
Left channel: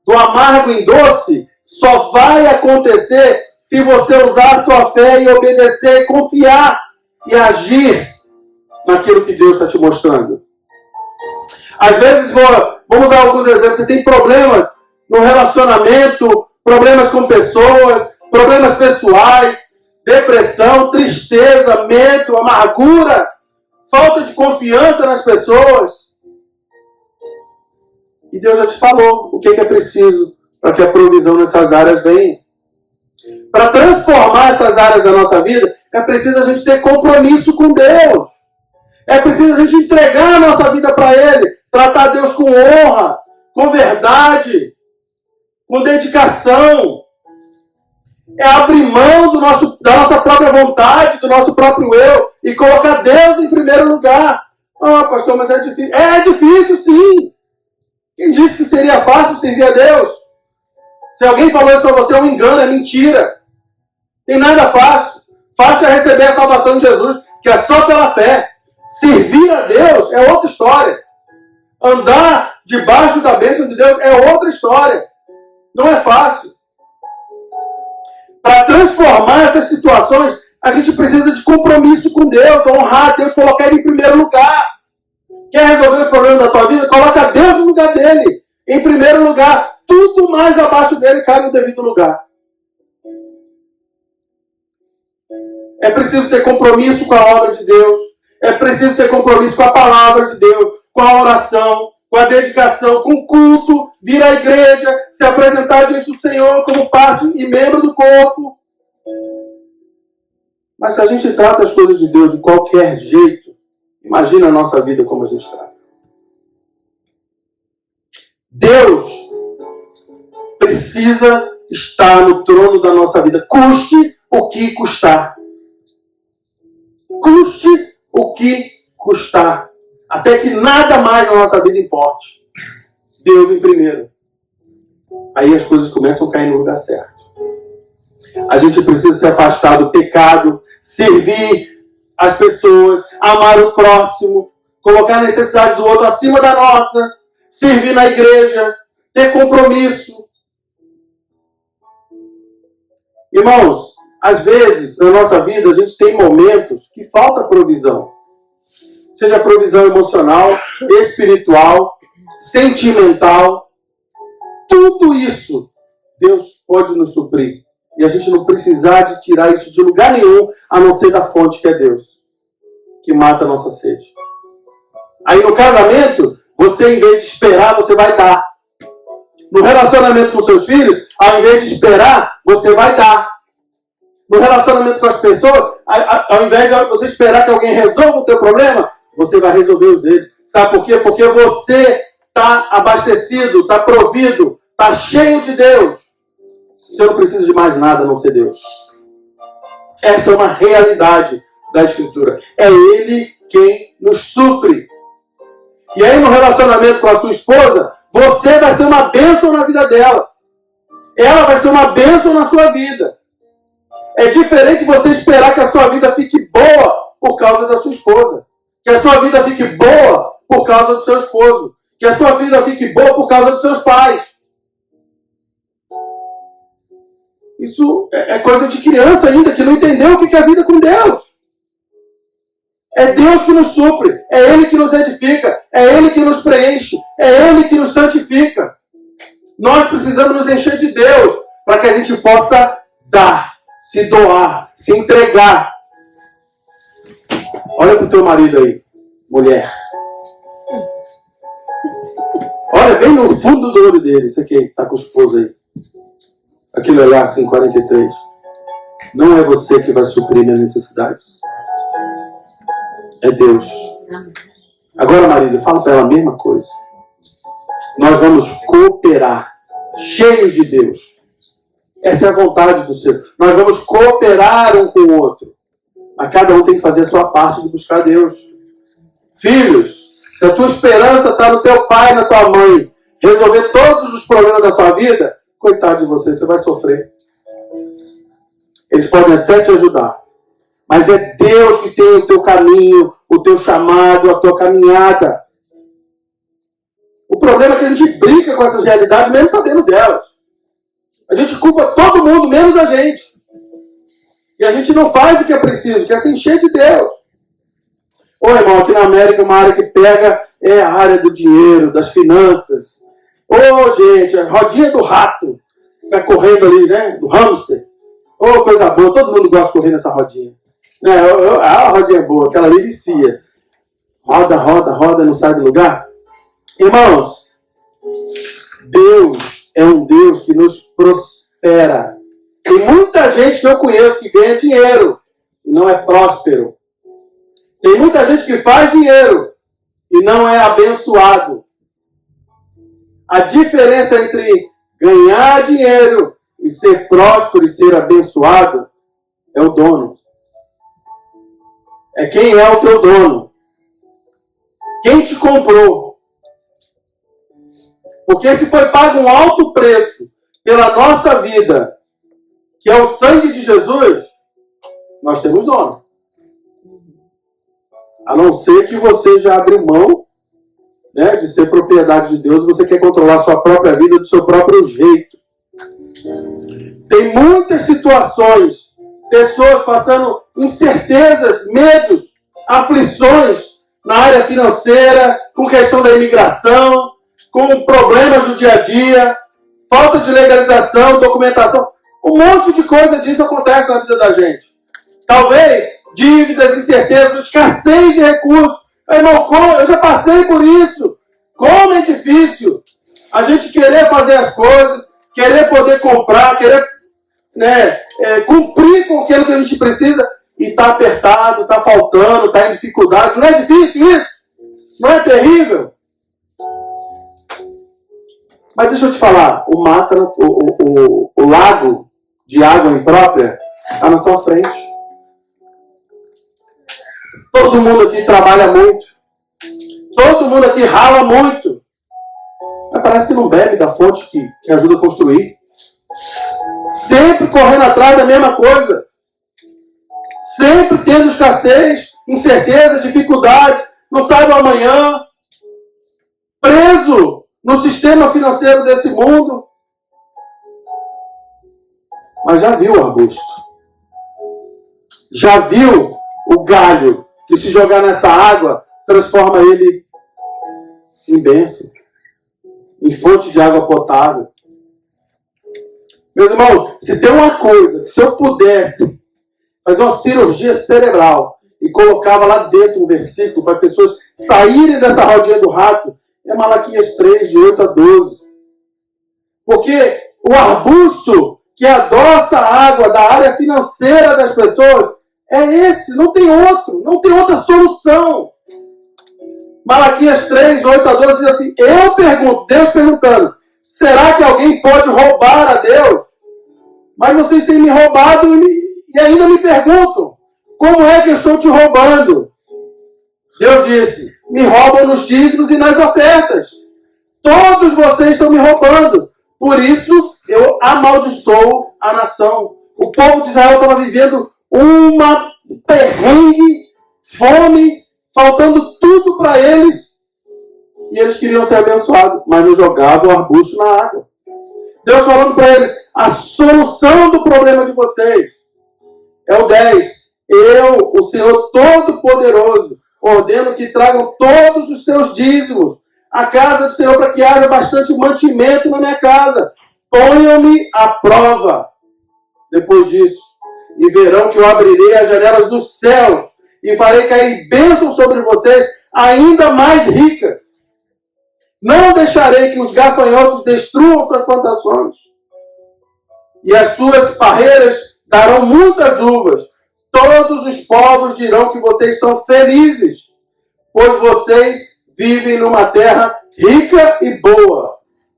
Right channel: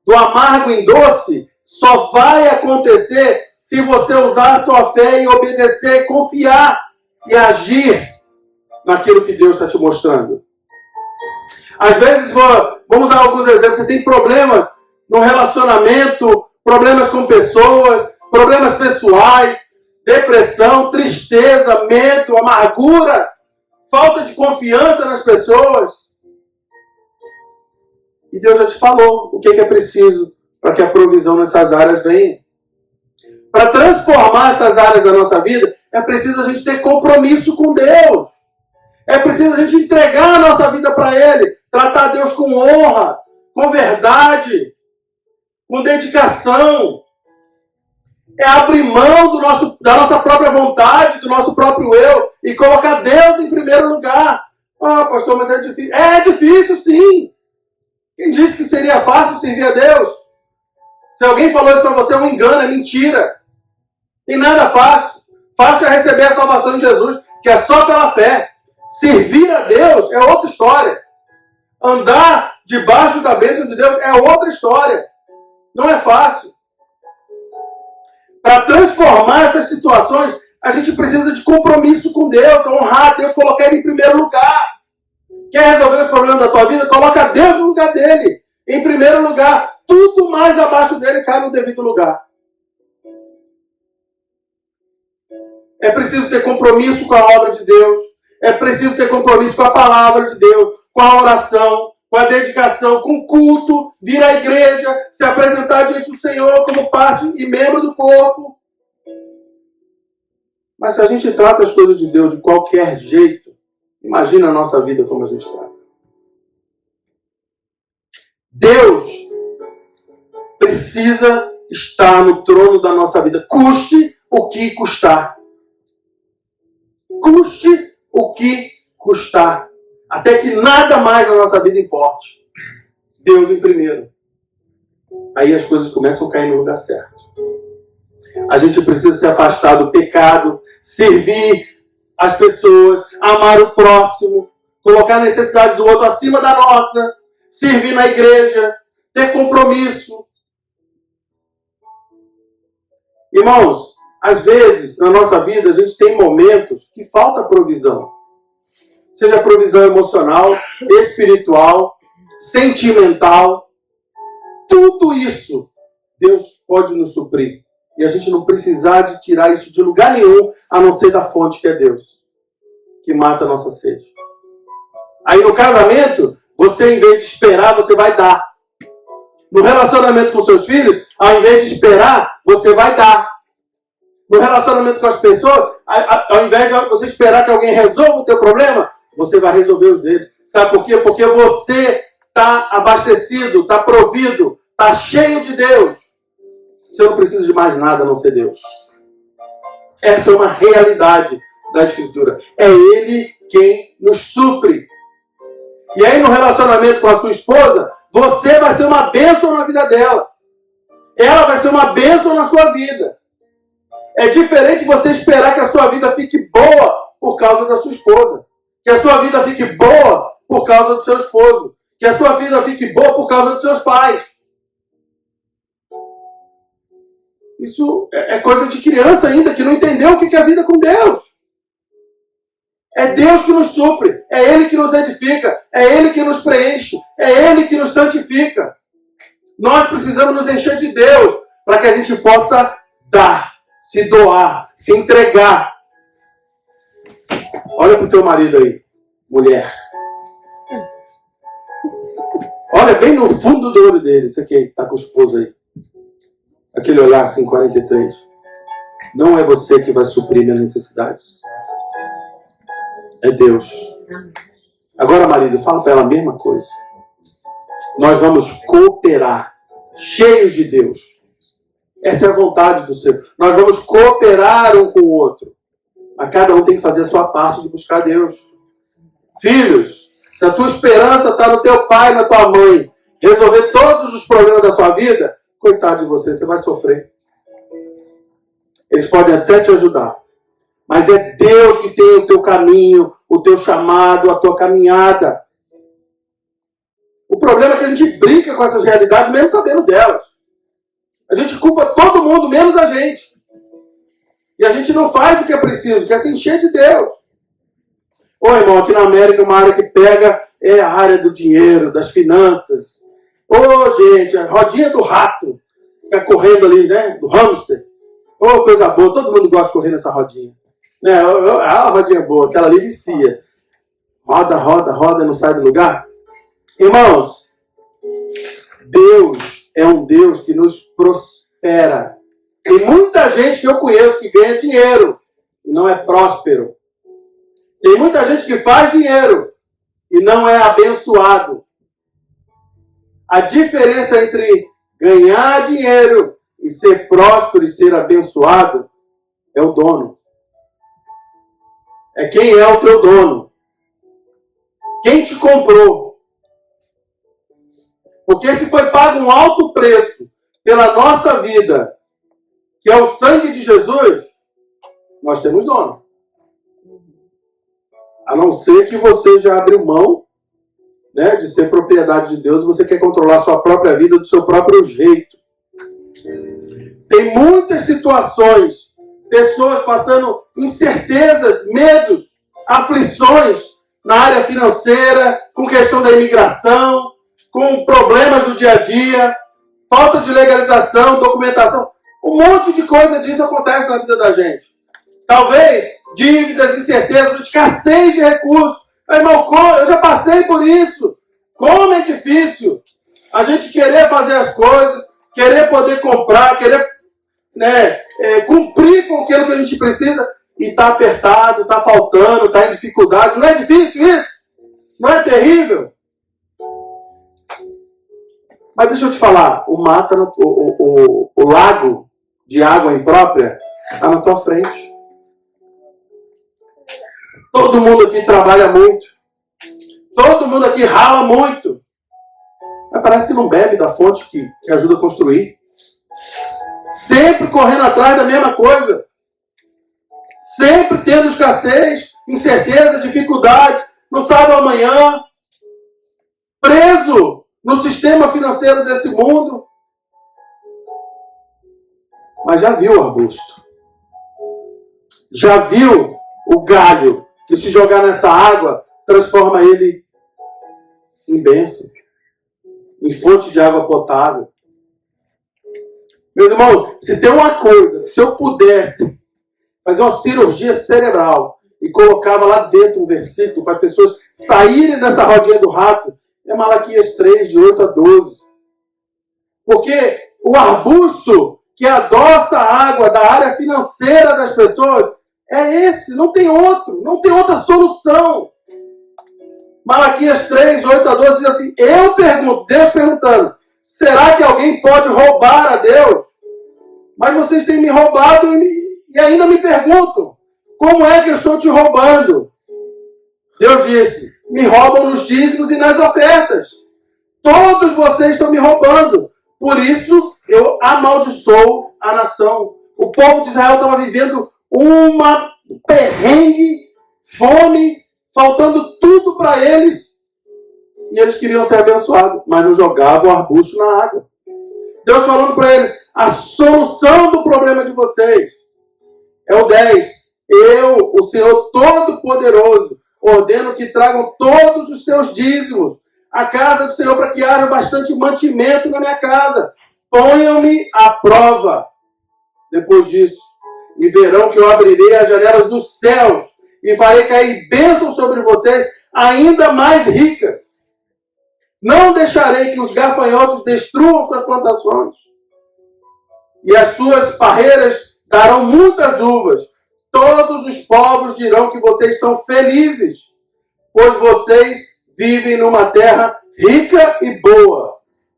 do amargo em doce só vai acontecer se você usar a sua fé e obedecer, confiar e agir naquilo que Deus está te mostrando. Às vezes, vamos usar alguns exemplos, você tem problemas no relacionamento, problemas com pessoas, problemas pessoais, depressão, tristeza, medo, amargura, falta de confiança nas pessoas. E Deus já te falou o que é preciso para que a provisão nessas áreas venha. Para transformar essas áreas da nossa vida, é preciso a gente ter compromisso com Deus. É preciso a gente entregar a nossa vida para Ele. Tratar Deus com honra, com verdade, com dedicação. É abrir mão da nossa própria vontade, do nosso próprio eu e colocar Deus em primeiro lugar. Ah, pastor, mas é difícil. É difícil, sim. Quem disse que seria fácil servir a Deus? Se alguém falou isso para você, é um engano, é mentira. Tem nada fácil. Fácil é receber a salvação de Jesus, que é só pela fé. Servir a Deus é outra história. Andar debaixo da bênção de Deus é outra história. Não é fácil. Para transformar essas situações, a gente precisa de compromisso com Deus, honrar Deus, colocar Ele em primeiro lugar. Quer resolver os problemas da tua vida? Coloca Deus no lugar dele. Em primeiro lugar, tudo mais abaixo dele cai no devido lugar. É preciso ter compromisso com a obra de Deus. É preciso ter compromisso com a palavra de Deus, com a oração, com a dedicação, com o culto, vir à igreja, se apresentar diante do Senhor como parte e membro do corpo. Mas se a gente trata as coisas de Deus de qualquer jeito, imagina a nossa vida como a gente trata. Deus precisa estar no trono da nossa vida, custe o que custar. Custe o que custar. Até que nada mais na nossa vida importe. Deus em primeiro. Aí as coisas começam a cair no lugar certo. A gente precisa se afastar do pecado, servir as pessoas, amar o próximo, colocar a necessidade do outro acima da nossa, servir na igreja, ter compromisso. Irmãos, às vezes na nossa vida a gente tem momentos que falta provisão. Seja provisão emocional, espiritual, sentimental. Tudo isso Deus pode nos suprir. E a gente não precisar de tirar isso de lugar nenhum, a não ser da fonte que é Deus, que mata a nossa sede. Aí no casamento, você em vez de esperar, você vai dar. No relacionamento com seus filhos, ao invés de esperar, você vai dar. No relacionamento com as pessoas, ao invés de você esperar que alguém resolva o teu problema, você vai resolver os deles. Sabe por quê? Porque você está abastecido, está provido, está cheio de Deus. Você não precisa de mais nada a não ser Deus. Essa é uma realidade da Escritura. É Ele quem nos supre. E aí no relacionamento com a sua esposa, você vai ser uma bênção na vida dela. Ela vai ser uma bênção na sua vida. É diferente você esperar que a sua vida fique boa por causa da sua esposa. Que a sua vida fique boa por causa do seu esposo. Que a sua vida fique boa por causa dos seus pais. Isso é coisa de criança ainda, que não entendeu o que é a vida com Deus. É Deus que nos supre. É Ele que nos edifica. É Ele que nos preenche. É Ele que nos santifica. Nós precisamos nos encher de Deus para que a gente possa dar, se doar, se entregar. Olha para o teu marido aí, mulher. Olha bem no fundo do olho dele. Isso aqui está com o esposo aí. Aquele olhar assim, 43. Não é você que vai suprir minhas necessidades. É Deus. Agora, marido, fala para ela a mesma coisa. Nós vamos cooperar, cheios de Deus. Essa é a vontade do Senhor. Nós vamos cooperar um com o outro. Mas cada um tem que fazer a sua parte de buscar Deus. Filhos, se a tua esperança está no teu pai, na tua mãe, resolver todos os problemas da sua vida, coitado de você, você vai sofrer. Eles podem até te ajudar, Mas é Deus que tem o teu caminho, o teu chamado, a tua caminhada. O problema é que a gente brinca com essas realidades, mesmo sabendo delas. A gente culpa todo mundo, menos a gente. E a gente não faz o que é preciso, que é se encher de Deus. Ô, irmão, aqui na América, uma área que pega é a área do dinheiro, das finanças. Ô, gente, a rodinha do rato. Fica correndo ali, né? Do hamster. Ô, coisa boa. Todo mundo gosta de correr nessa rodinha. Né? A rodinha boa, aquela ali vicia. Roda, roda, roda, não sai do lugar. Irmãos, Deus é um Deus que nos prospera. Tem muita gente que eu conheço que ganha dinheiro e não é próspero. Tem muita gente que faz dinheiro e não é abençoado. A diferença entre ganhar dinheiro e ser próspero e ser abençoado é o dono. É quem é o teu dono. Quem te comprou. Porque se foi pago um alto preço pela nossa vida, que é o sangue de Jesus, nós temos dono. A não ser que você já abriu mão, né, de ser propriedade de Deus, você quer controlar a sua própria vida do seu próprio jeito. Tem muitas situações, pessoas passando incertezas, medos, aflições na área financeira, com questão da imigração, com problemas do dia a dia, falta de legalização, documentação. Um monte de coisa disso acontece na vida da gente. Talvez dívidas, incertezas, escassez de recursos. Irmão, eu já passei por isso. Como é difícil a gente querer fazer as coisas, querer poder comprar, querer cumprir com aquilo que a gente precisa e está apertado, está faltando, está em dificuldade. Não é difícil isso? Não é terrível? Mas deixa eu te falar, o lago de água imprópria está na tua frente. Todo mundo aqui trabalha muito. Todo mundo aqui rala muito. Mas parece que não bebe da fonte que ajuda a construir. Sempre correndo atrás da mesma coisa. Sempre tendo escassez, incerteza, dificuldades. Não sabe o amanhã. Preso no sistema financeiro desse mundo. Mas já viu o arbusto? Já viu o galho que, se jogar nessa água, transforma ele em bênção, em fonte de água potável? Meus irmãos, se tem uma coisa que, se eu pudesse fazer uma cirurgia cerebral e colocava lá dentro um versículo para as pessoas saírem dessa rodinha do rato, é Malaquias 3, de 8 a 12. Porque o arbusto que adoça a água da área financeira das pessoas é esse, não tem outro, não tem outra solução. Malaquias 3, 8 a 12 diz assim: eu pergunto, Deus perguntando, será que alguém pode roubar a Deus? Mas vocês têm me roubado e ainda me perguntam, como é que eu estou te roubando? Deus disse, me roubam nos dízimos e nas ofertas. Todos vocês estão me roubando. Por isso eu amaldiçoo a nação. O povo de Israel estava vivendo uma perrengue, fome, faltando tudo para eles. E eles queriam ser abençoados, mas não jogavam o arbusto na água. Deus falando para eles, a solução do problema de vocês é o 10. Eu, o Senhor Todo-Poderoso, ordeno que tragam todos os seus dízimos à casa do Senhor para que haja bastante mantimento na minha casa. Ponham-me à prova depois disso. E verão que eu abrirei as janelas dos céus e farei cair bênçãos sobre vocês ainda mais ricas. Não deixarei que os gafanhotos destruam suas plantações. E as suas parreiras darão muitas uvas. Todos os povos dirão que vocês são felizes, pois vocês vivem numa terra rica e boa.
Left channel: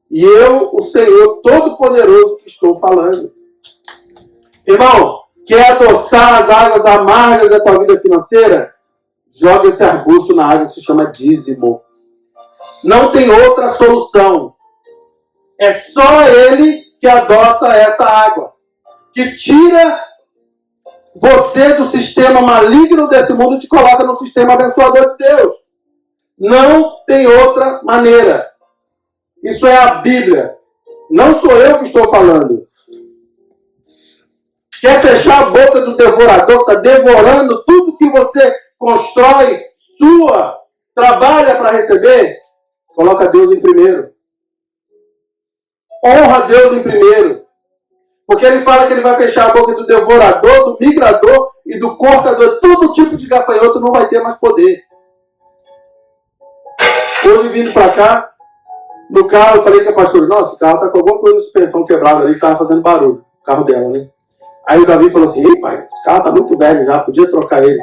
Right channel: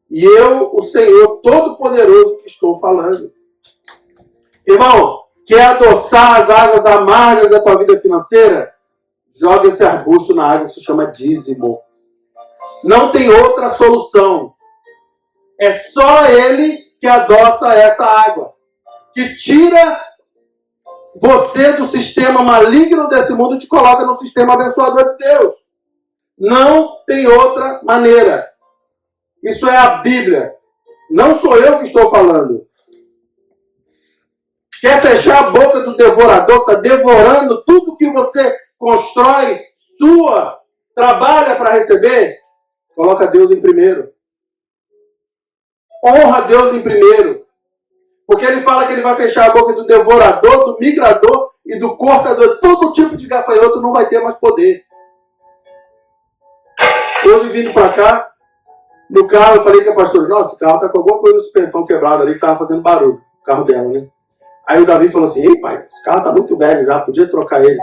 E eu, o Senhor Todo-Poderoso, que estou falando. Irmão, quer adoçar as águas amargas da tua vida financeira? Joga esse arbusto na água que se chama dízimo. Não tem outra solução. É só ele que adoça essa água, que tira você do sistema maligno desse mundo te coloca no sistema abençoador de Deus. Não tem outra maneira. Isso é a Bíblia. Não sou eu que estou falando. Quer fechar a boca do devorador que está devorando tudo que você constrói, sua, trabalha para receber? Coloca Deus em primeiro. Honra Deus em primeiro. Porque ele fala que ele vai fechar a boca do devorador, do migrador e do cortador. Todo tipo de gafanhoto não vai ter mais poder. Hoje, vindo para cá, no carro, eu falei com a pastora, nossa, o carro está com alguma coisa de suspensão quebrada ali, que estava fazendo barulho. O carro dela, né? Aí o Davi falou assim, ei pai, esse carro está muito velho já, podia trocar ele.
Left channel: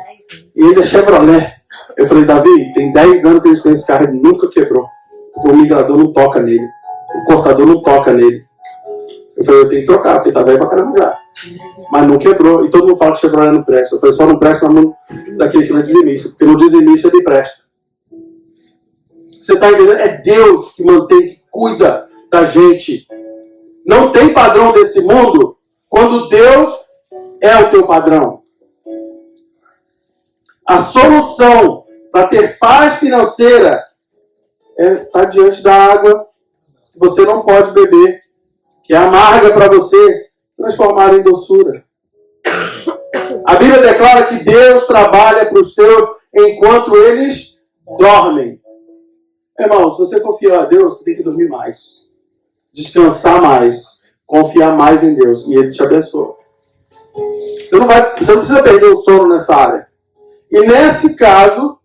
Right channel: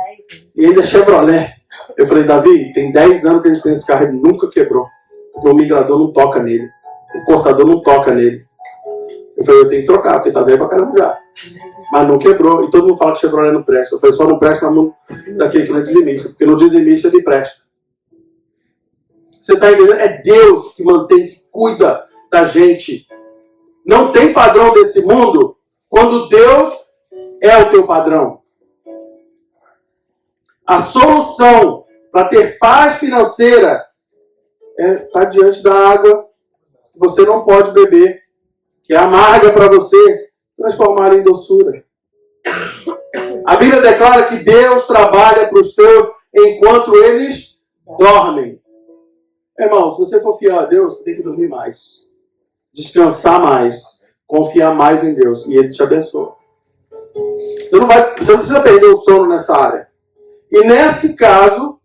E ele é Chevrolet. Eu falei, Davi, tem 10 anos que a gente tem esse carro, ele nunca quebrou. O migrador não toca nele. O cortador não toca nele. Eu falei, eu tenho que trocar, porque tá velho pra caramba já. Mas não quebrou. E todo mundo fala que Chevrolet não presta. Eu falei, só não presta na mão daquele que não é dizimista. Porque no dizimista ele presta. Você tá entendendo? É Deus que mantém, que cuida da gente. Não tem padrão desse mundo quando Deus é o teu padrão. A solução para ter paz financeira é estar diante da água que você não pode beber, que é amarga para você, transformar em doçura. A Bíblia declara que Deus trabalha para os seus enquanto eles dormem. Irmão, se você for fiel a Deus, você tem que dormir mais, descansar mais, confiar mais em Deus, e Ele te abençoa. Você não precisa perder o sono nessa área. E nesse caso,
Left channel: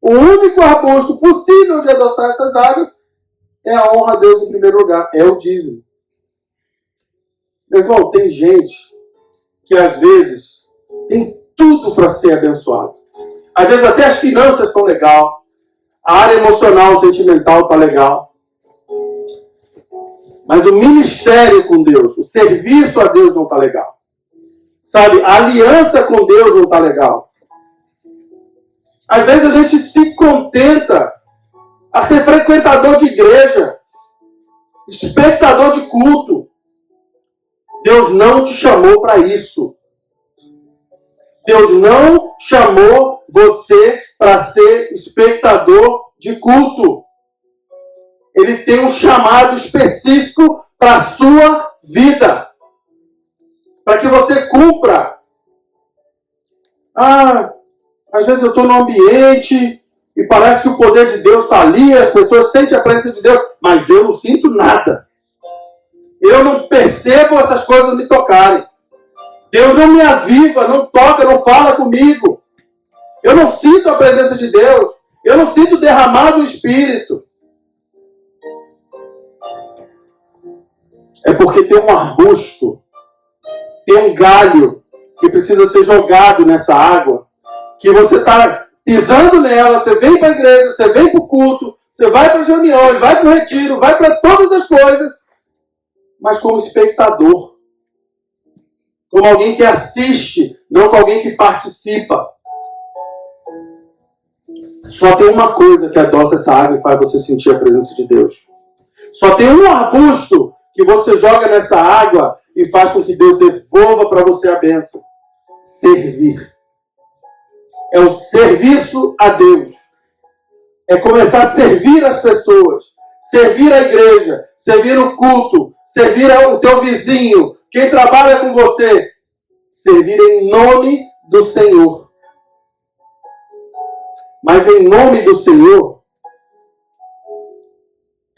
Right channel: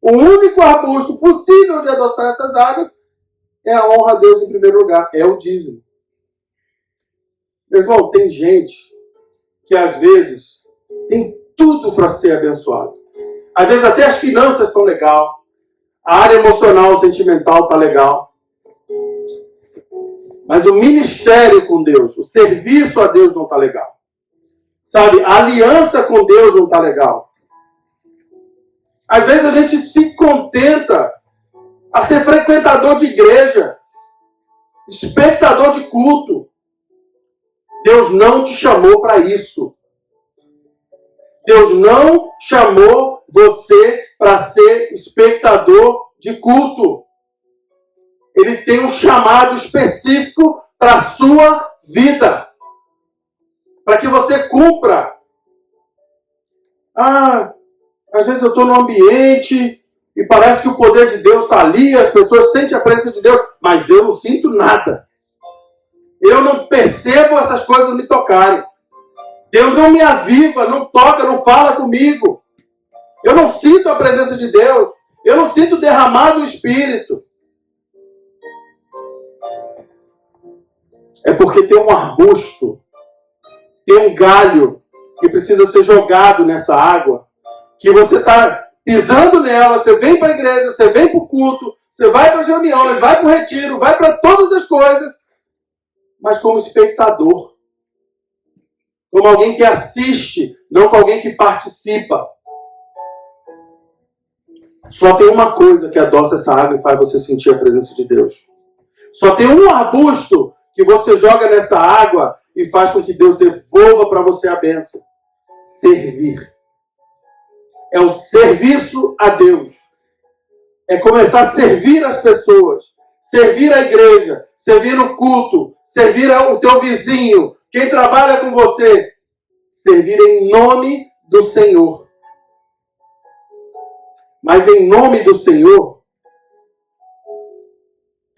o único arbusto possível de adoçar essas águas é a honra a Deus em primeiro lugar, é o dízimo. Meu irmão, tem gente que às vezes tem tudo para ser abençoado. Às vezes até as finanças estão legal, a área emocional, sentimental está legal. Mas o ministério com Deus, o serviço a Deus não está legal. Sabe, a aliança com Deus não está legal. Às vezes a gente se contenta a ser frequentador de igreja, espectador de culto. Deus não te chamou para isso. Deus não chamou você para ser espectador de culto. Ele tem um chamado específico para a sua vida. Para que você cumpra. Às vezes eu estou num ambiente e parece que o poder de Deus está ali, as pessoas sentem a presença de Deus, mas eu não sinto nada. Eu não percebo essas coisas me tocarem. Deus não me aviva, não toca, não fala comigo. Eu não sinto a presença de Deus. Eu não sinto derramar do Espírito. É porque tem um arbusto, tem um galho que precisa ser jogado nessa água, que você está pisando nela, você vem para a igreja, você vem para o culto, você vai para as reuniões, vai para o retiro, vai para todas as coisas, mas como espectador. Como alguém que assiste, não como alguém que participa. Só tem uma coisa que adoça essa água e faz você sentir a presença de Deus. Só tem um arbusto que você joga nessa água e faz com que Deus devolva para você a bênção. Servir. É o serviço a Deus. É começar a servir as pessoas. Servir a igreja. Servir o culto. Servir o teu vizinho. Quem trabalha com você. Servir em nome do Senhor. Mas em nome do Senhor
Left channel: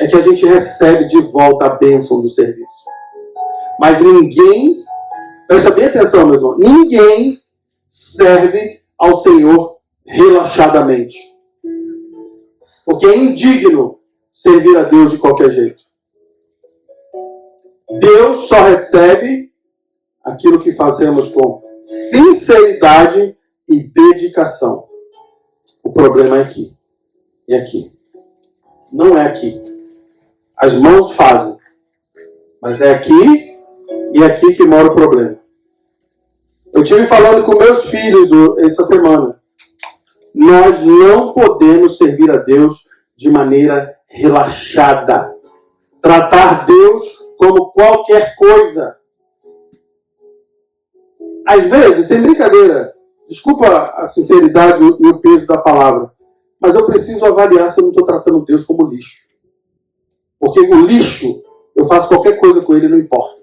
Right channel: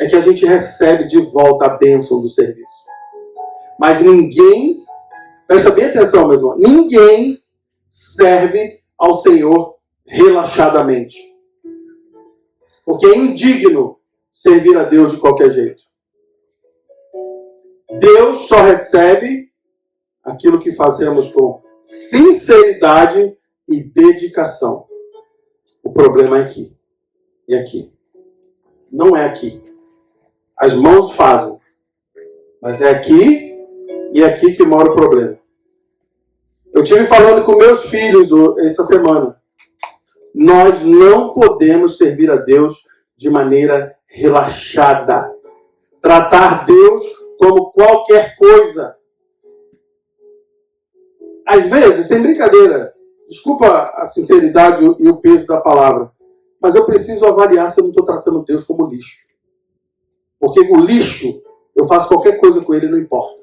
é que a gente recebe de volta a bênção do serviço. Mas ninguém, presta bem atenção, meu irmão, ninguém serve ao Senhor relaxadamente. Porque é indigno servir a Deus de qualquer jeito. Deus só recebe aquilo que fazemos com sinceridade e dedicação. O problema é aqui. E aqui. Não é aqui. As mãos fazem. Mas é aqui e aqui que mora o problema. Eu estive falando com meus filhos essa semana. Nós não podemos servir a Deus de maneira relaxada. Tratar Deus como qualquer coisa. Às vezes, sem brincadeira, desculpa a sinceridade e o peso da palavra, mas eu preciso avaliar se eu não estou tratando Deus como lixo. Porque o lixo, eu faço qualquer coisa com ele, não importa.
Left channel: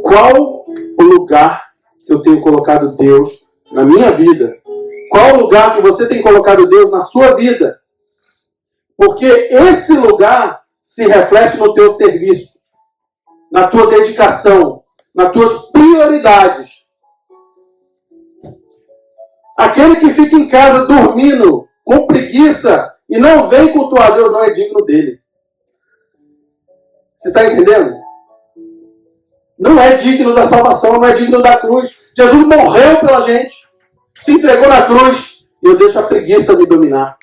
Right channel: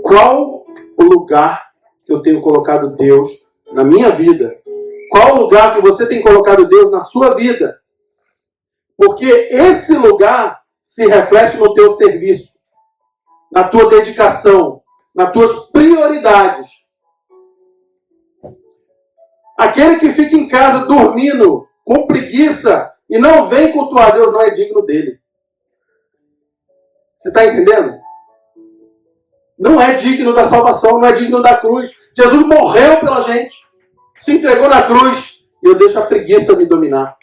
Qual o lugar que eu tenho colocado Deus na minha vida? Qual o lugar que você tem colocado Deus na sua vida? Porque esse lugar se reflete no teu serviço, na tua dedicação, nas tuas prioridades. Aquele que fica em casa dormindo, com preguiça, e não vem cultuar Deus, não é digno dele. Você está entendendo? Não é digno da salvação, não é digno da cruz. Jesus morreu pela gente, se entregou na cruz, e eu deixo a preguiça me dominar,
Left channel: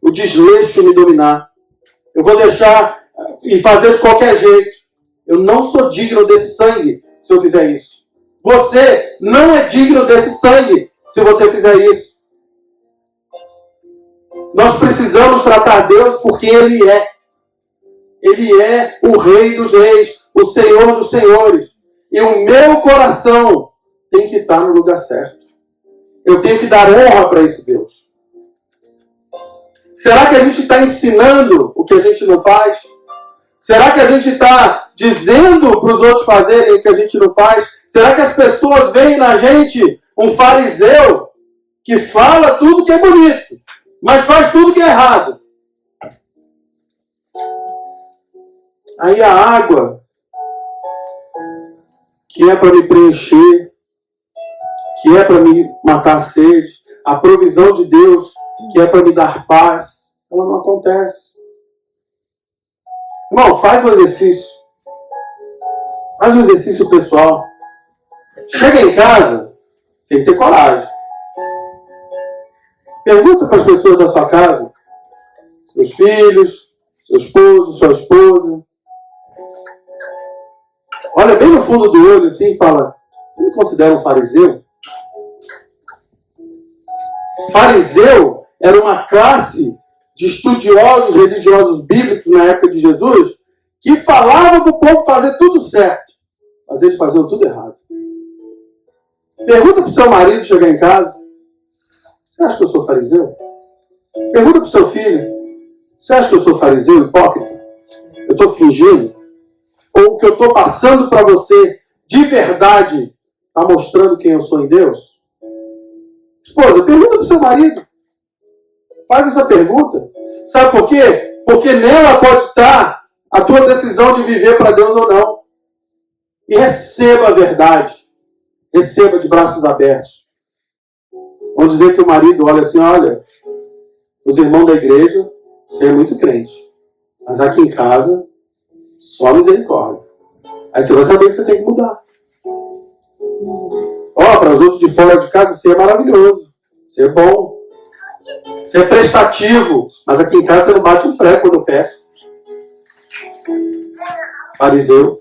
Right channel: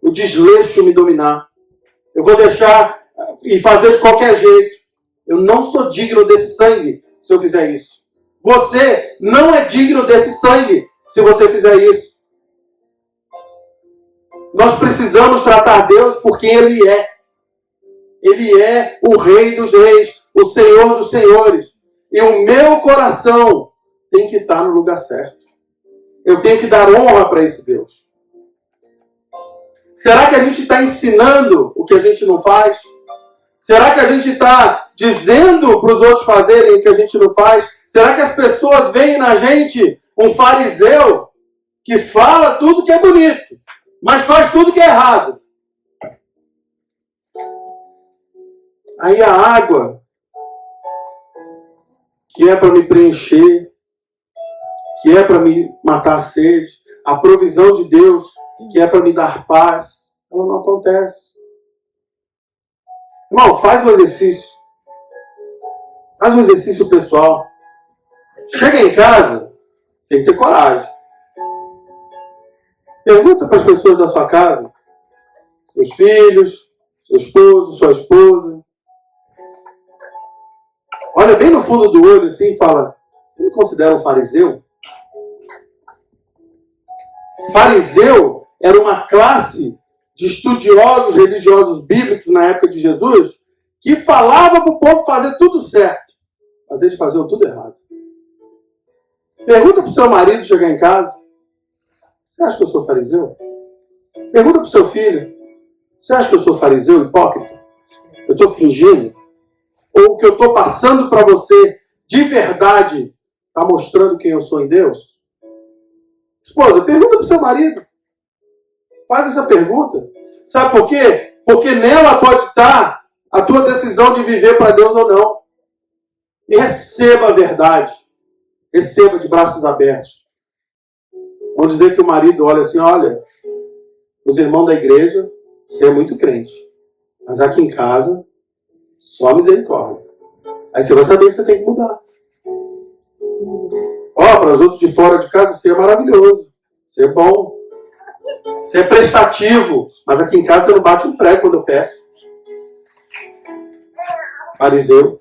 o desleixo me dominar. Eu vou deixar e fazer de qualquer jeito. Eu não sou digno desse sangue se eu fizer isso. Você não é digno desse sangue se você fizer isso. Nós precisamos tratar Deus porque Ele é. Ele é o Rei dos Reis, o Senhor dos Senhores. E o meu coração tem que estar no lugar certo. Eu tenho que dar honra para esse Deus. Será que a gente está ensinando o que a gente não faz? Será que a gente está dizendo para os outros fazerem o que a gente não faz? Será que as pessoas veem na gente um fariseu que fala tudo que é bonito, mas faz tudo que é errado? Aí a água, que é para me preencher, que é para me matar a sede, a provisão de Deus, que é para me dar paz, ela não acontece. Irmão, faz um exercício. Faz um exercício pessoal. Chega em casa, tem que ter coragem. Pergunta para as pessoas da sua casa, seus filhos, seu esposo, sua esposa. Olha bem no fundo do olho assim e fala: você me considera um fariseu? Fariseu era uma classe de estudiosos religiosos bíblicos na época de Jesus que falava para o povo fazer tudo certo, mas eles faziam tudo errado. Pergunta para o seu marido chegar em casa: você acha que eu sou fariseu? Pergunta para o seu filho: você acha que eu sou fariseu, hipócrita? Eu estou fingindo? Ou o que eu estou passando para você de verdade está mostrando quem eu sou em Deus? Esposa, pergunta para o seu marido. Faz essa pergunta. Sabe por quê? Porque nela pode estar a tua decisão de viver para Deus ou não. E receba a verdade. Receba de braços abertos. Vamos dizer que o marido olha assim: olha, os irmãos da igreja, você é muito crente. Mas aqui em casa, só misericórdia. Aí você vai saber que você tem que mudar. Para os outros de fora de casa, você é maravilhoso. Você é bom. Você é prestativo. Mas aqui em casa você não bate um prego quando eu peço. Fariseu.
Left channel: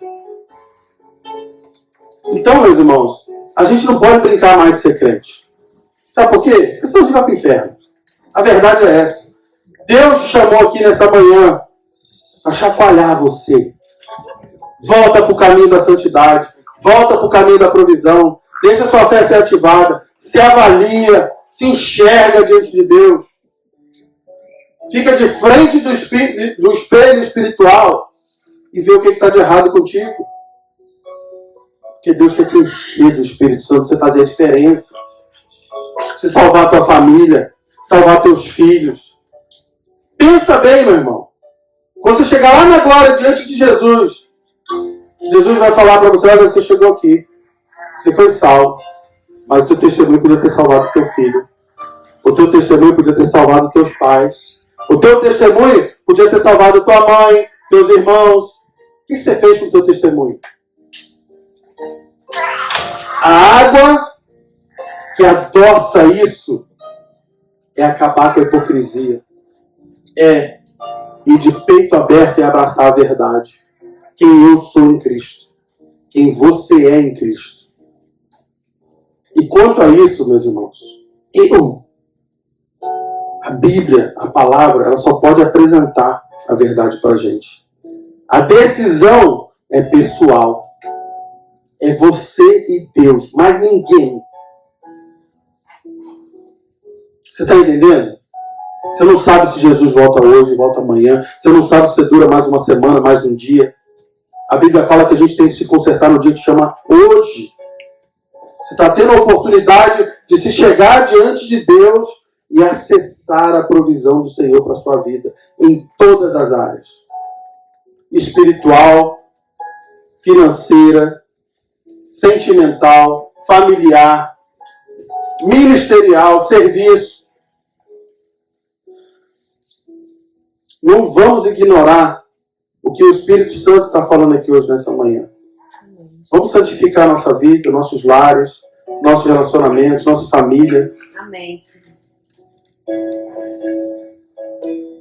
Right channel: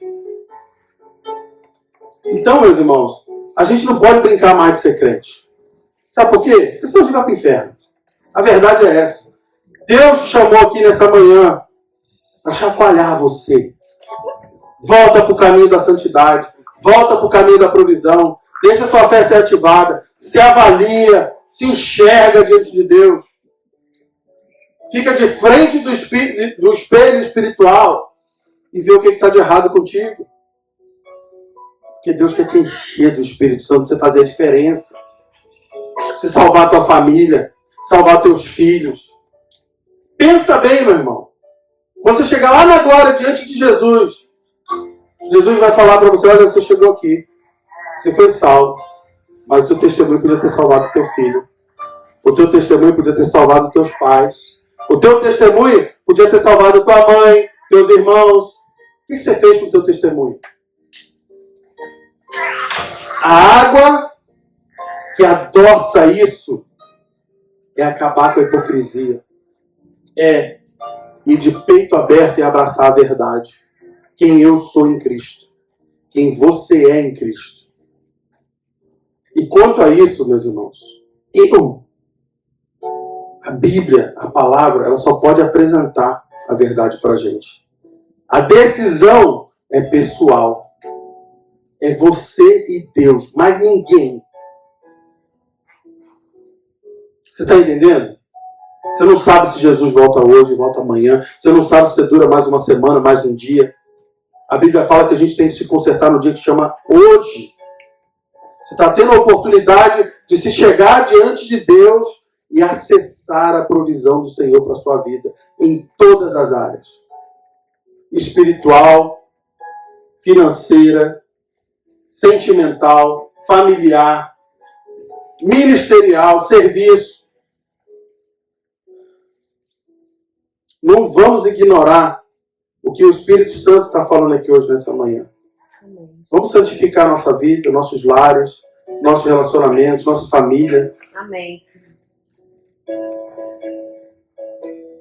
Então, meus irmãos, a gente não pode brincar mais de ser crente. Sabe por quê? Porque senão a gente vai para o inferno. A verdade é essa. Deus te chamou aqui nessa manhã para chacoalhar você. Volta para o caminho da santidade. Volta para o caminho da provisão. Deixa a sua fé ser ativada. Se avalia. Se enxerga diante de Deus. Fica de frente do espelho espiritual e vê o que está de errado contigo. Porque Deus quer te encher do Espírito Santo para você fazer a diferença. Você salvar a tua família. Salvar teus filhos. Pensa bem, meu irmão. Quando você chegar lá na glória diante de Jesus, Jesus vai falar para você: olha, você chegou aqui. Você foi salvo. Mas o teu testemunho podia ter salvado o teu filho. O teu testemunho podia ter salvado os teus pais. O teu testemunho podia ter salvado tua mãe, teus irmãos. O que você fez com o teu testemunho? A água que adoça isso é acabar com a hipocrisia. É ir de peito aberto e abraçar a verdade. Quem eu sou em Cristo. Quem você é em Cristo. E quanto a isso, meus irmãos, a Bíblia, a palavra, ela só pode apresentar a verdade para a gente. A decisão é pessoal. É você e Deus, mais ninguém. Você está entendendo? Você não sabe se Jesus volta hoje, volta amanhã. Você não sabe se dura mais uma semana, mais um dia. A Bíblia fala que a gente tem que se consertar no dia que chama hoje. Você está tendo a oportunidade de se chegar diante de Deus e acessar a provisão do Senhor para a sua vida, em todas as áreas. Espiritual, financeira, sentimental, familiar, ministerial, serviço. Não vamos ignorar o que o Espírito Santo está falando aqui hoje, nessa manhã. Vamos santificar nossa vida, nossos lares, nossos relacionamentos, nossa família. Amém.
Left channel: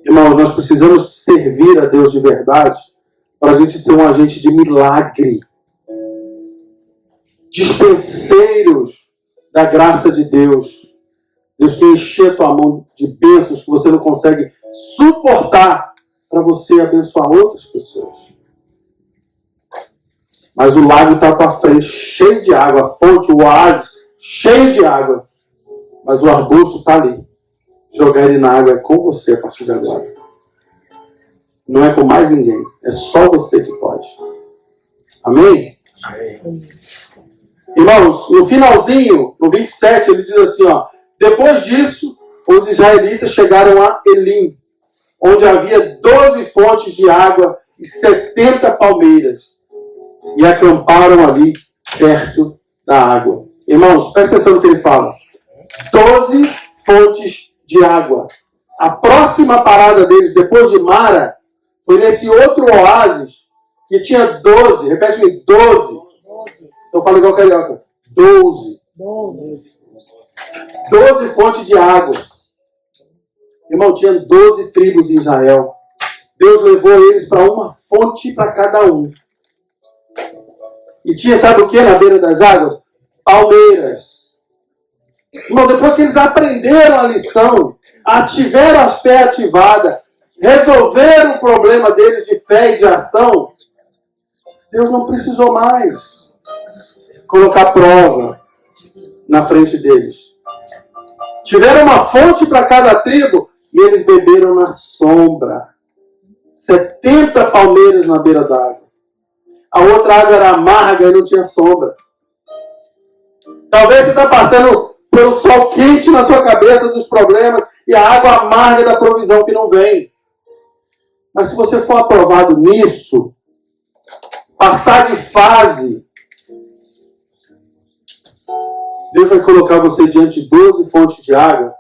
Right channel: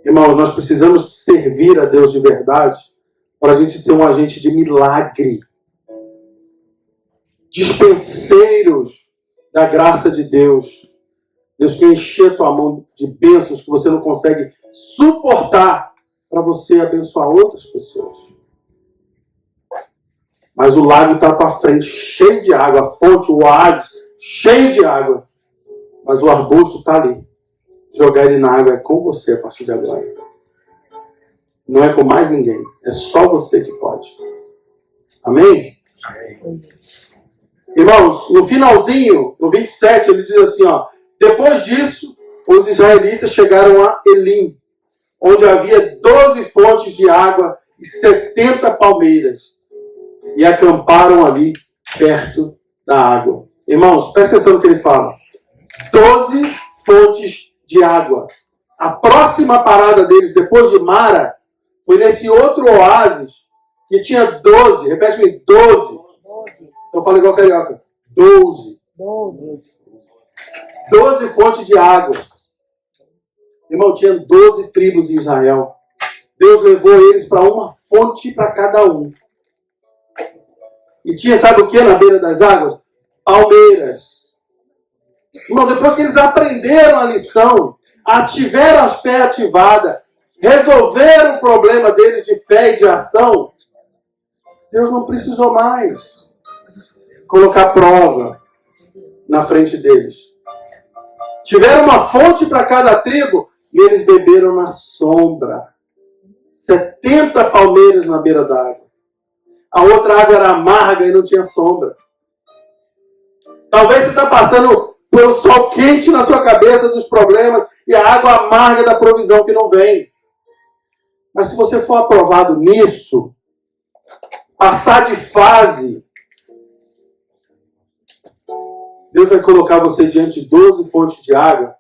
Irmãos, nós precisamos servir a Deus de verdade para a gente ser um agente de milagre. Dispenseiros da graça de Deus. Deus quer encher a tua mão de bênçãos que você não consegue suportar para você abençoar outras pessoas. Mas o lago está à tua frente, cheio de água, a fonte, o oásis, cheio de água. Mas o arbusto está ali. Jogar ele na água é com você a partir de agora. Não é com mais ninguém. É só você que pode. Amém? Amém. Irmãos, no finalzinho, no 27, ele diz assim, ó. Depois disso, os israelitas chegaram a Elim, onde havia 12 fontes de água e 70 palmeiras. E acamparam ali, perto da água. Irmãos, presta atenção no que ele fala. 12 fontes de água. A próxima parada deles, depois de Mara, foi nesse outro oásis, que tinha 12. Repete comigo, 12. Então fala igual carioca. 12. 12 fontes de águas. Irmão, tinha 12 tribos em Israel. Deus levou eles para uma fonte para cada um. E tinha, sabe o que na beira das águas? Palmeiras. Irmão, depois que eles aprenderam a lição, tiveram a fé ativada, resolveram o problema deles de fé e de ação, Deus não precisou mais colocar prova na frente deles. Tiveram uma fonte para cada tribo e eles beberam na sombra. 70 palmeiras na beira d'água. A outra água era amarga e não tinha sombra. Talvez você está passando pelo sol quente na sua cabeça dos problemas e a água amarga da provisão que não vem. Mas se você for aprovado nisso, passar de fase, Deus vai colocar você diante de 12 fontes de água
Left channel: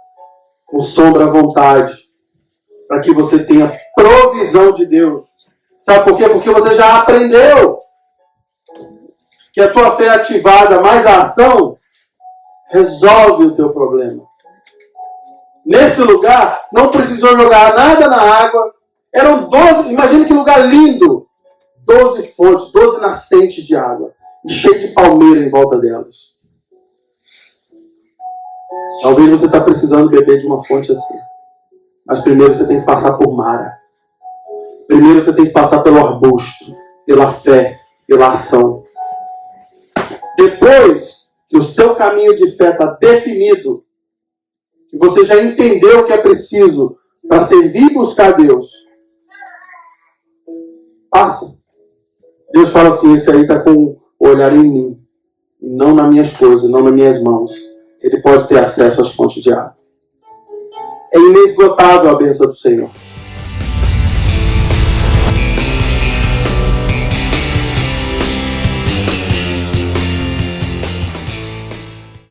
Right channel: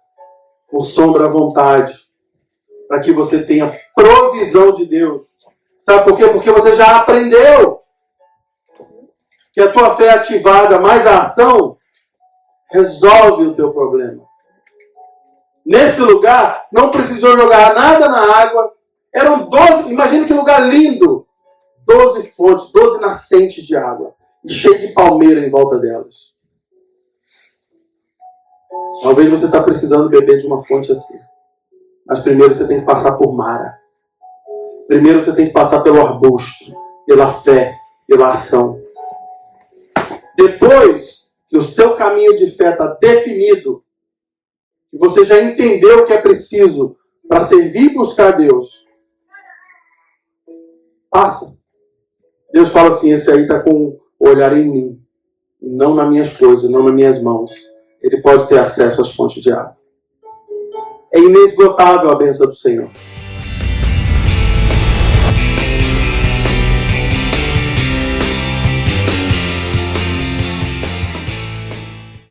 com sombra à vontade, para que você tenha provisão de Deus. Sabe por quê? Porque você já aprendeu que a tua fé é ativada, mais a ação resolve o teu problema. Nesse lugar, não precisou jogar nada na água. Eram 12, imagina que lugar lindo. 12 fontes, 12 nascentes de água. E cheio de palmeira em volta delas. Talvez você está precisando beber de uma fonte assim. Mas primeiro você tem que passar por Mara. Primeiro você tem que passar pelo arbusto, pela fé, pela ação. Depois que o seu caminho de fé está definido, que você já entendeu o que é preciso para servir e buscar Deus, passa. Deus fala assim, esse aí está com o olhar em mim, e não nas minhas coisas, não nas minhas mãos. Ele pode ter acesso às fontes de água. É inesgotável a bênção do Senhor.